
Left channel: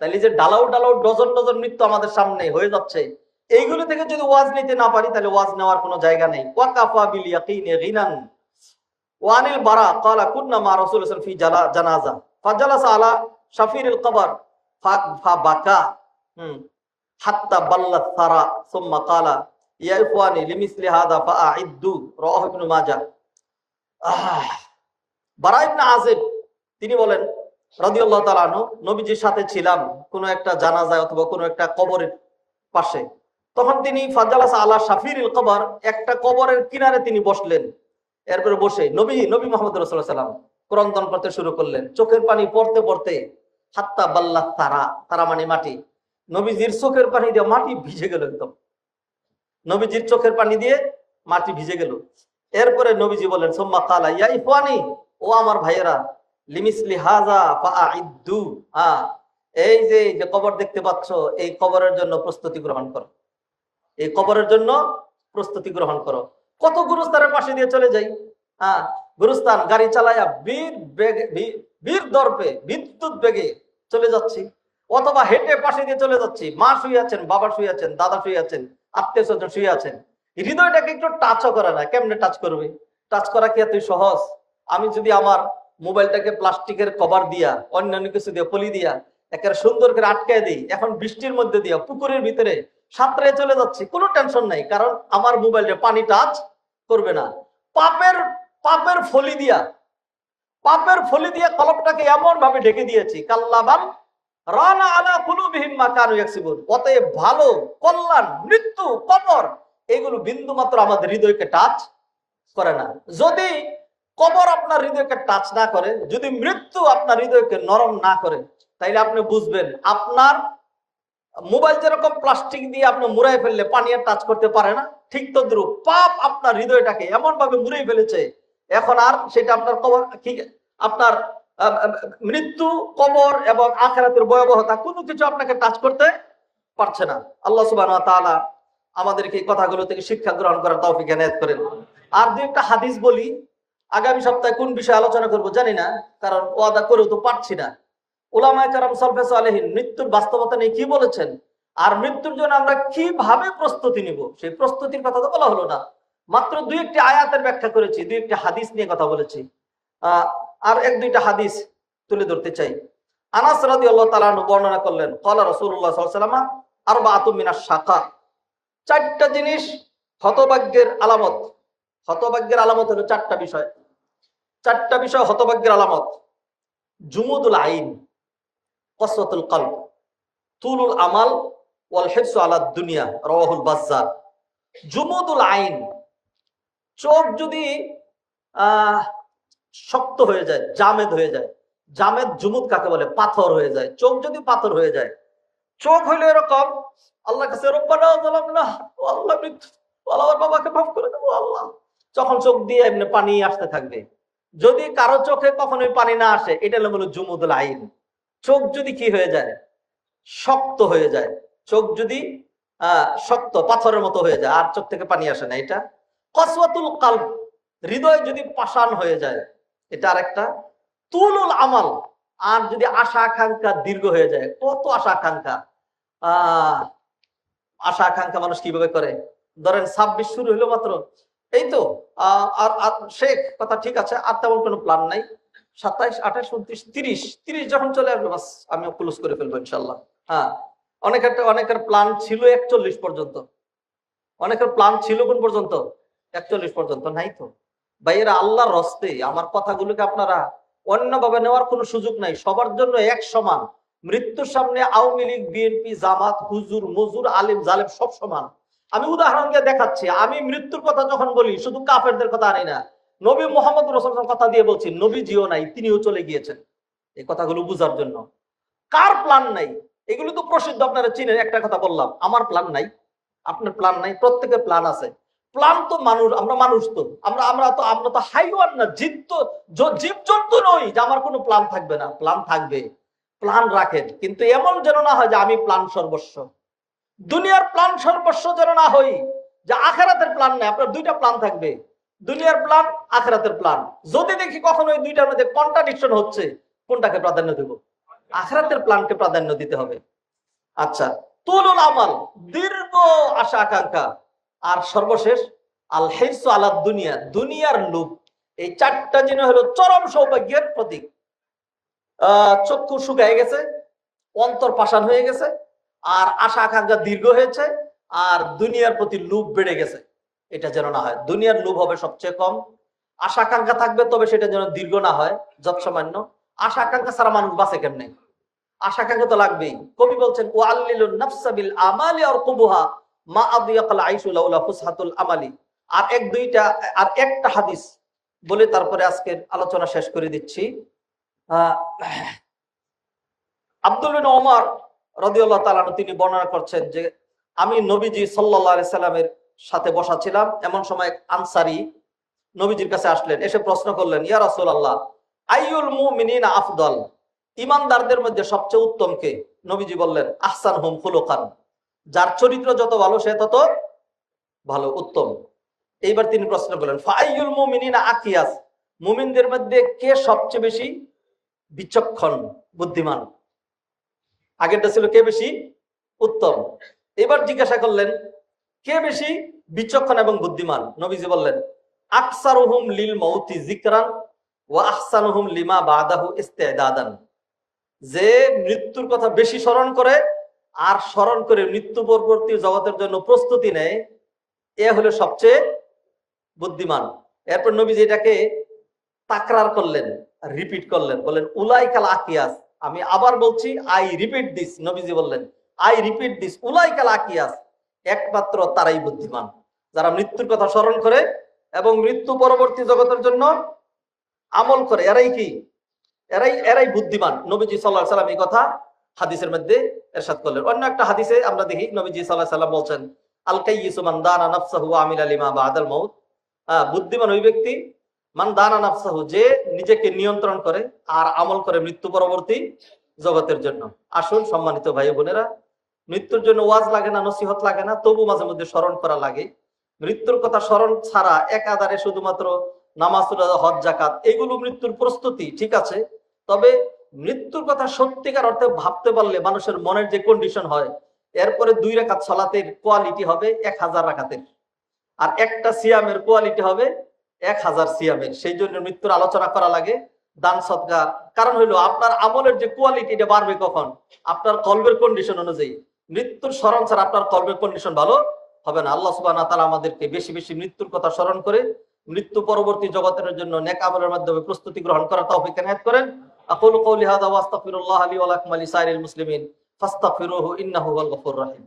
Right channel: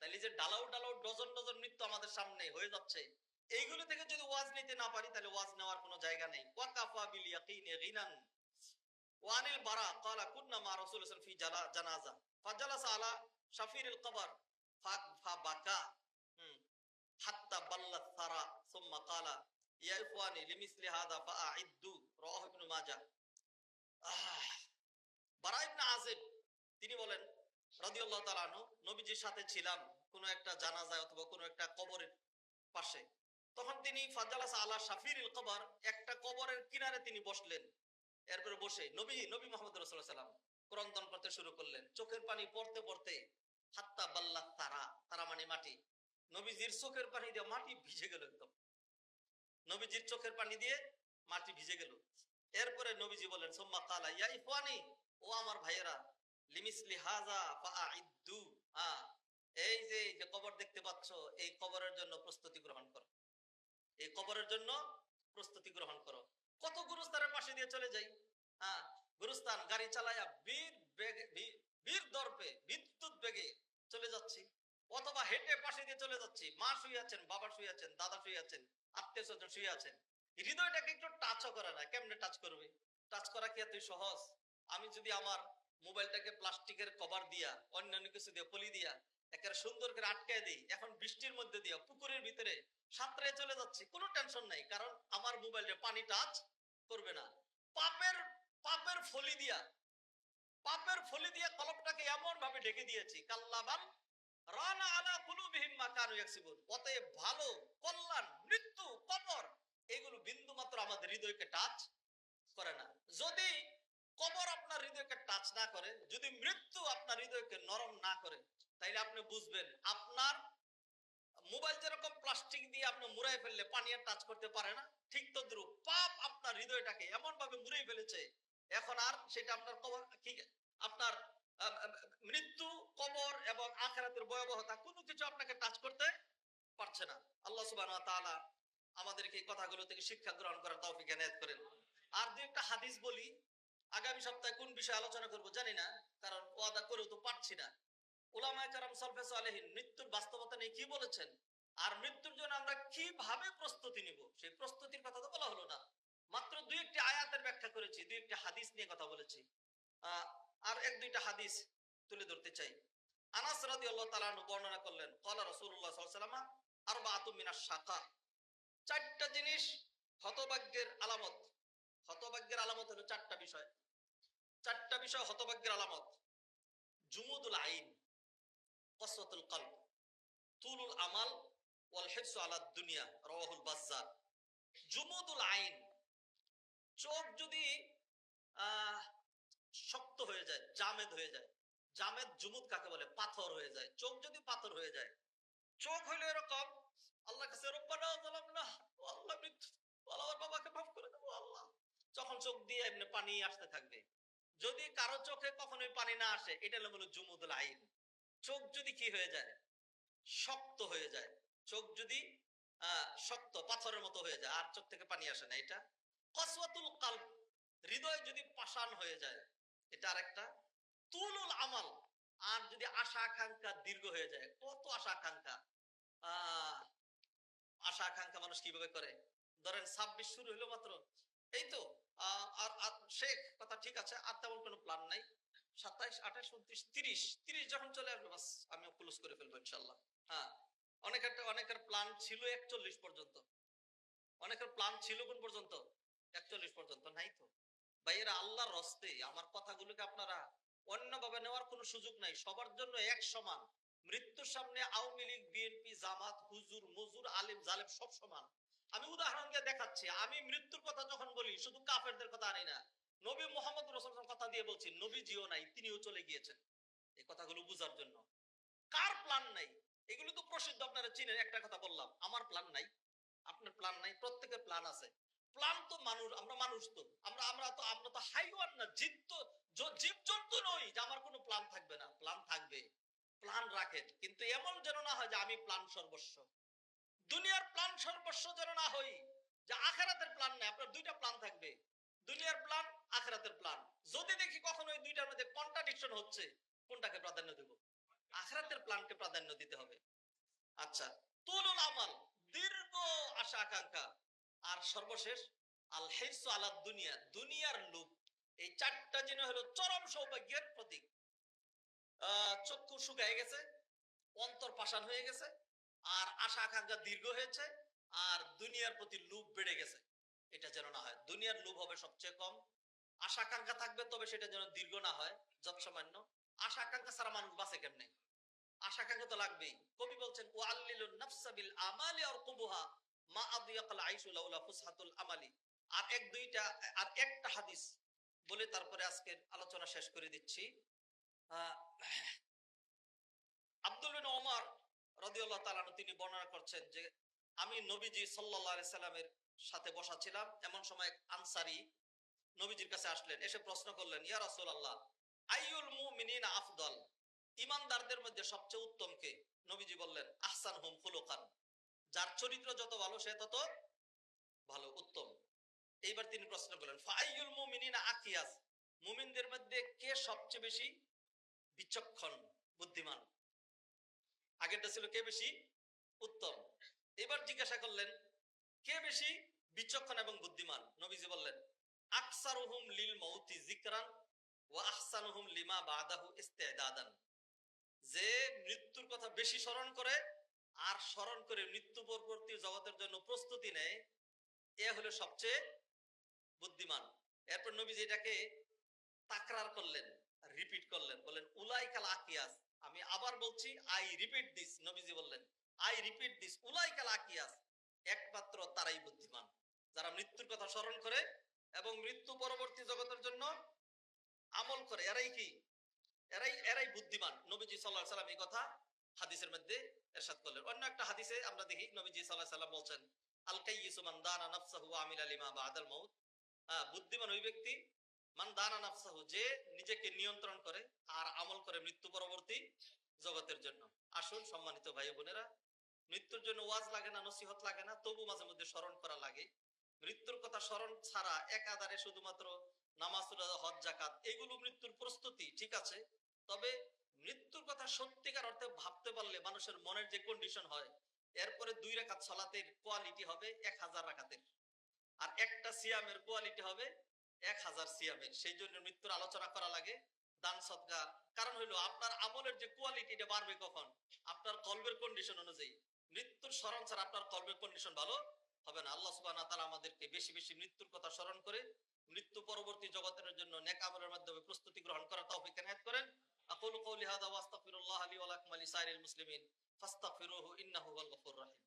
তাইলে যে ডালাও ডালাও ডজন ডজন মৃত্যু আমাদের সামনে হয়ে যাচ্ছে, এইগুলো থেকে যদি ওয়াজ নিতে না পারি, তাহলে ওয়াজ নেওয়ার কোনো জায়গা নেই। ওয়া কাফা বিল ইয়াকিনি গিনান। ওয়ানিল বারা ক্বালা কুন্না মা রাসূলুল্লাহ ফি জানাজা ফাজালাসা আলা শাফিরিল কবর ফাবাকা হাত্তা বাল্লাত সারা সুম্মা ক্বালা ইয়া ইখওয়ানি লিমিসলি হাদা ফাআইদ্দু। রাওয়াহু ইবনে মাজাহ। বারা ইবনে আযিব তিনি বলেন রাদিয়াল্লাহু তাআলা আনহু, নবীজির সাথে ছিলাম কোন একটা জানাজায় অথবা কোন একটা কবরের পাশে। তখন তিনি ফাজালাসা আলা শাফিরিল কবর, একটা কবরের কিনারে তিনি বসলেন। এরপরে বসে নবী মুহাম্মদ রাসূলুল্লাহ সাল্লাল্লাহু আলাইহি ওয়াসাল্লাম ক্রন্দন করতে শুরু করলেন, চোখের পানি পড়তে পড়তে। হাত্তা বাল্লাত তারা, তারা মানে মাটি, নবীজির চোখের পানি দিয়ে মাটি ভিজে গেল একদম। নবীজির চোখের পানি দিয়ে মাটি ভিজে গেল। এরপরে নবীজি বলেন সুম্মা ক্বালা ইয়া ইখওয়ানি, ও আমার ভাইয়েরা, লিমিসলি হাযা ফাআইদ্দু। এই যে কবর দেখতে পাচ্ছ, এই কবরের জন্য প্রস্তুতি গ্রহণ করো, এই কবরের জন্য প্রস্তুতি গ্রহণ করো। কত গুরুস্থানের পাশে দিয়ে চলে যাই, গুরুস্থান গাড়ি চালায়া বীর দর্পে বিদ্যুৎ বেগে চলে যাচ্ছি, অথবা হেঁটে পাশে দিয়ে চলে যাচ্ছি। মা শুয়ে আছেন, বাবা শুয়ে আছেন, দাদা শুয়ে আছেন, আত্মীয় স্বজন শুয়ে আছেন। হৃদয়টাকে একটু টাচও করে না, কেমনে টাচ করবে? টাচ করা কি এতই সহজ? আমি যদি আমার মোবাইলটাকে প্লাস্টিকের কভার দিয়া, অন্যান্য কিছু দিয়ে পলি দিয়া একেবারে সুন্দর করে আটকায় দিই, এখন বৃষ্টির মধ্যে দিয়া পুকুরের ভিতরে সাঁতরে চলে যাচ্ছি, কোনো টেনশন নাই, কারণ আমার মোবাইলে পানি টাচ করবে না। পাপের ফলি দিয়া কলবটাকে এমন ভাবে ঢেকে দিয়েছি, কাল্লাবাল রানা আলা কুলুবিহিম মা কানু ইয়াকসিবুন। অতএব ভালো, কল্যাণ, মৃত্যু, কবর এগুলো বিন্দু মাত্র আমাদের হৃদয়কে টাচ করে না। যদি কবর আপনার হৃদয়কে টাচ না করে, যদি মৃত্যু আপনার হৃদয়কে নরম না করে, তাইলে আপনি বুঝবেন আপনার মোবাইল যেরকম প্লাস্টিক দিয়ে আপনি মুড়াই ফেললে পানি আর টাচ করতে পারে না, ঠিক তদ্রুপ পাপ আপনার হৃদয়টাকে এমন ভাবে মুড়াই ফেলেছে, এখন আর সেটা আপনার কবর কি, আপনার মৃত্যু, কবর এবং আখিরাতের ভয়াবহতা কোনো কিছু আপনাকে টাচ করতে পারছে না। আল্লাহ সুবহানাহু ওয়া তাআলা আমাদেরকে এই কথাগুলো থেকে শিক্ষা গ্রহণ করার তৌফিক এনায়েত করেন। আর দুই একটা হাদিস বলি, আগামী সপ্তাহে কোন বিষয়ে আলোচনা করব জানি না, কারণ ওয়াদা করেও তো পারছি না। উলামায়ে কেরাম সালফে সালেহিন মৃত্যুর বাস্তবতা নিয়ে কি বলেছেন, আর মৃত্যুর জন্য আমরা কিভাবে প্রস্তুতি নিব, সেই প্রস্তুতির কথা তো বলা হলো না। মাত্র দুই একটি আয়াতের ব্যাখ্যা করেছি, দুই একটি হাদিস নিয়ে কথা বলেছি। আর এক দুইটা হাদিস তুলে ধরতে চাই। আনাস রাদিয়াল্লাহু তাআলা আনহু বর্ণনা করলেন, ক্বালা রাসূলুল্লাহ সাল্লাল্লাহু আলাইহি ওয়াসাল্লাম আরবাআতুম মিনাশ শাকা, চারটা জিনিস হতভাগ্যের আলামত। হতভাগ্যের আলামত হলো চারটা বিষয়। চারটা বিষয় হতভাগ্যের আলামত। জুমুদুল আইন, কসওয়াতুল কলব, তুলুল আমাল, ওয়াল হিরসু আলা দুনিয়া, রাওয়াহুল বাজ্জার। জুমুদুল আইন, চোখ যদি শক্ত হয়ে যায়, জামেদ হয়ে যায়। জামেদ জুমুদ কাকে বলে? পাথর হয়ে যায়। চোখ যদি পাথর হয়ে যায়, চোখ হইলো এরকম, আল্লাহর কাছে রব্বানা যালামনা, ও আল্লাহ মৃত্যু, আমার বাবাকে মাফ করে দেবো আল্লাহ, যখন চোখ দিয়ে এমনি পানি আসতে থাকবে। যদি কারো চোখে কখনোই পানি না আসে, এটা হলো জুমুদুল আইন। চোখ যদি কি হয়ে যায়? শক্ত হয়ে যায়। চোখ যদি শক্ত পাথরের মতো হয়ে যায়, আর চোখ থেকে পানি আসে না, এটা। কসওয়াতুল কলব, হৃদয় যদি পাষাণ হয়ে যায়, এটা আরেকটা। তুলুল আমাল, আর যদি আশা আকাঙ্ক্ষা দীর্ঘ হয়ে যায়। কত আশা আকাঙ্ক্ষা! আশা আকাঙ্ক্ষা মানুষ কিভাবে করে? ধরেন 26 শুরু হলো মাত্র, এই তো আর শেখ কথা ঠিক আছে, আর তেমন কোনো প্ল্যান নাই। 27, 28, 29, 30 যখন চলে আসবে, বাস আমি ক্লোজ করে ফেলবো ইনশাল্লাহ। হ্যাঁ, অনেকের প্ল্যান ছিল 41 পর্যন্ত। অনেকের প্ল্যান ছিল কোন পর্যন্ত? 41 পর্যন্ত। নাই তো ভাইয়েরা, আল্লাহর হস্তে আমার কথাগুলোকে আপনারা অন্যভাবে নেওয়ার কোনো সুযোগ নাই। সবার জন্য এক সমান। মৃত্যুর সামনে আওয়ামী লীগ, বিএনপি, জামাত, হুজুর, মজুর, আলিম, জালেম সব সমান। আমি উদাহরণ দিয়ে দেখাচ্ছি। আমি মৃত্যুর কথা যখন বলি, শুধু কাফেরদের কথা আনি না, নবী মোহাম্মদ রাসূলের কথা দিয়ে বলছি। নবীজিও নাই, তিনিও চলে গিয়েছেন। এই কথাগুলো বুঝার জন্য। কার প্ল্যান নাই? এগুলো তো প্রসিদ্ধ, আপনারা চিনেন। একটা কথা বললাম, আমার প্ল্যান নাই, আপনার প্ল্যান নাই, প্রত্যেকের প্ল্যান আছে। প্ল্যান তো মানুষ, আমরা মানুষ তো, আমরা তো হাইওয়ান না, জীবজন্তু নই যে আমার কোনো প্ল্যান থাকবে না। প্ল্যান থাকবে, প্ল্যান রাখেন, কিন্তু এমন যেন না হয় যে আমি প্ল্যান সর্বস্ব। দুনিয়ার প্ল্যান সর্বস্ব যেন না হই, যে আখেরাতের প্ল্যান নাই। আপনার দুইটা প্ল্যান থাকবে, দুনিয়ার প্ল্যান, আখেরাতের প্ল্যান। যদি দেখি কখনো ওই দুইটার মধ্যে কন্ট্রাডিকশন হচ্ছে, কোনটাকে প্রাধান্য দেব? আখেরাতের প্ল্যানকে প্রাধান্য দিতে হবে। আচ্ছা, তুলুল আমাল, দীর্ঘ আশা আকাঙ্ক্ষা। আর সর্বশেষ আল হিরসু আলা দুনিয়া, দুনিয়ার লোভ। এই চারটা জিনিস হলো চরম সৌভাগ্যের প্রতীক। চক্ষু শুকায় গেছে, অন্তর পাষাণ হয়ে গেছে, আর আশা আকাঙ্ক্ষা দীর্ঘ হয়েছে, আর দুনিয়ার প্রতি লোভ বেড়ে গেছে। এটা যেন না হয়। দুনিয়ার লোভ হবে সবচেয়ে কম, আশা আকাঙ্ক্ষা থাকবে, তবে সেটা যেন দীর্ঘ না হয়, যৎসামান্য। আশা আকাঙ্ক্ষা ছাড়া মানুষ বাঁচে কেমনে? আশা আকাঙ্ক্ষা তো লাগবেই। কবি বলছেন, ও আল্লিলুন নাফসা বিল আমালি আরকুবুহা মা আদিয়াকাল আইশু লাউলা ফুসহাতুল আমালি। আর একটা হাদিস বলে তারপরে আজকের আলোচনা শেষ করে দিচ্ছি। আব্দুল বিন ওমর রাদিয়াল্লাহু তাআলা আনহু তিনি বর্ণনা করছেন যে, আমি নবীজি সাল্লাল্লাহু আলাইহি সাল্লামের সাথে বসা ছিলাম। এমন সময় আনসারী নবীজির কাছে আসলেন, এসে প্রশ্ন করলেন, ইয়া রাসূলুল্লাহ, আইয়ুল মুমিনিনা আফদল, ইমানদারদের মধ্যে সবচেয়ে উত্তম কে? নবীজি বললেন, আহসানহুম খুলুকান, যার চরিত্র যত ভালো সে তত ভালো, উত্তম। এইবার তিনি প্রশ্ন করলেন, ফাআইয়ুল মুমিনিনা আকিয়াস, মুমিনদের মধ্যে কে সবচেয়ে বেশি বিচক্ষণ, বুদ্ধিমান? আগেরটা ছিল কে বেশি উত্তম। এবার জিজ্ঞাসা করলেন, কে বেশি বিচক্ষণ এবং বুদ্ধিমান? নবীজি বললেন, আকসারুহুম লিল মাউতি যিকরান ওয়া আহসানুহুম লিমা বাদাহু ইস্তিদাদান, যে মৃত্যুর কথা বেশি স্মরণ করে আর স্মরণ করে মৃত্যু পরবর্তী জগতের জন্য প্রস্তুতি নেয়, এ হলো সবচেয়ে বুদ্ধিমান। এরপর নবীজি এটাকে তাকরার করলেন, রিপিট করলেন, বললেন, উলাইকাল আকিয়াস, আমি আবার বলছি, আই রিপিট দিস। নবীজি বললেন, আই রিপিট দিস, উলাইকাল আকিয়াস, একমাত্র তারাই বুদ্ধিমান, যারা মৃত্যুর কথা স্মরণ করে এবং মৃত্যু পরবর্তী জগতের জন্য আমল করে। এরাই কি? এরাই বুদ্ধিমান। নবীজি সাল্লাল্লাহু আলাইহি সাল্লাম এই কথা হাদিসের মধ্যে ইরশাদ করলেন। অন্য একটা হাদিসে আমরা দেখি, নবীজি সাল্লাল্লাহু আলাইহি সাল্লাম বলছেন, আল কাইয়িসু মান দানা নাফসাহু ওয়া আমিলা লিমা বাদাল মাউত, বুদ্ধিমান ওই ব্যক্তি, মান দানা নাফসাহু, যে নিজেকে নিয়ন্ত্রণ করে আর আমল করে মৃত্যু পরবর্তী জগতের জন্য। আসুন সম্মানিত ভাই বোনেরা, মৃত্যুর জন্য ওয়াজ লাগে না, নসিহত লাগে না, তবু মাঝে মধ্যে স্মরণ করা লাগে। মৃত্যুর কথা স্মরণ ছাড়া একাধারে শুধুমাত্র নামাজ, রোজা, হজ, যাকাত, এগুলো মৃত্যুর প্রস্তুতি, ঠিক আছে। তবে মৃত্যুর কথা সত্যিকার অর্থে ভাবতে পারলে মানুষের মনের যে কন্ডিশন হয়, এরপরে 2 রাকাত সালাতের কোয়ালিটি হবে 1000 রাকাতের। আর একটা সিয়ামের কোয়ালিটি হবে 1000 সিয়ামের। সেই জন্য মৃত্যুর আলোচনা করা লাগে, দান সদকা। কারণ হইলো আপনার আমলের যে কোয়ালিটি এটা বাড়বে কখন? আপনার কলবের কন্ডিশন অনুযায়ী। মৃত্যুর স্মরণ ছাড়া আপনার কলবের কন্ডিশন ভালো হবে না। আল্লাহ সুবহানাহু ওয়া তাআলা আমাদেরকে বেশি বেশি মৃত্যুর কথা স্মরণ করে মৃত্যু পরবর্তী জগতের জন্য নেক আমলের মাধ্যমে প্রস্তুতি গ্রহণ করার তৌফিক এনায়েত করেন। আকুলু কওলি হাযা ওয়া আস্তাগফিরুল্লাহ লি ওয়া লাকুম ওয়া লিসাইরিল মুসলিমিন ফাস্তাগফিরুহু ইন্নাহু হুয়াল গফুরুর রহিম।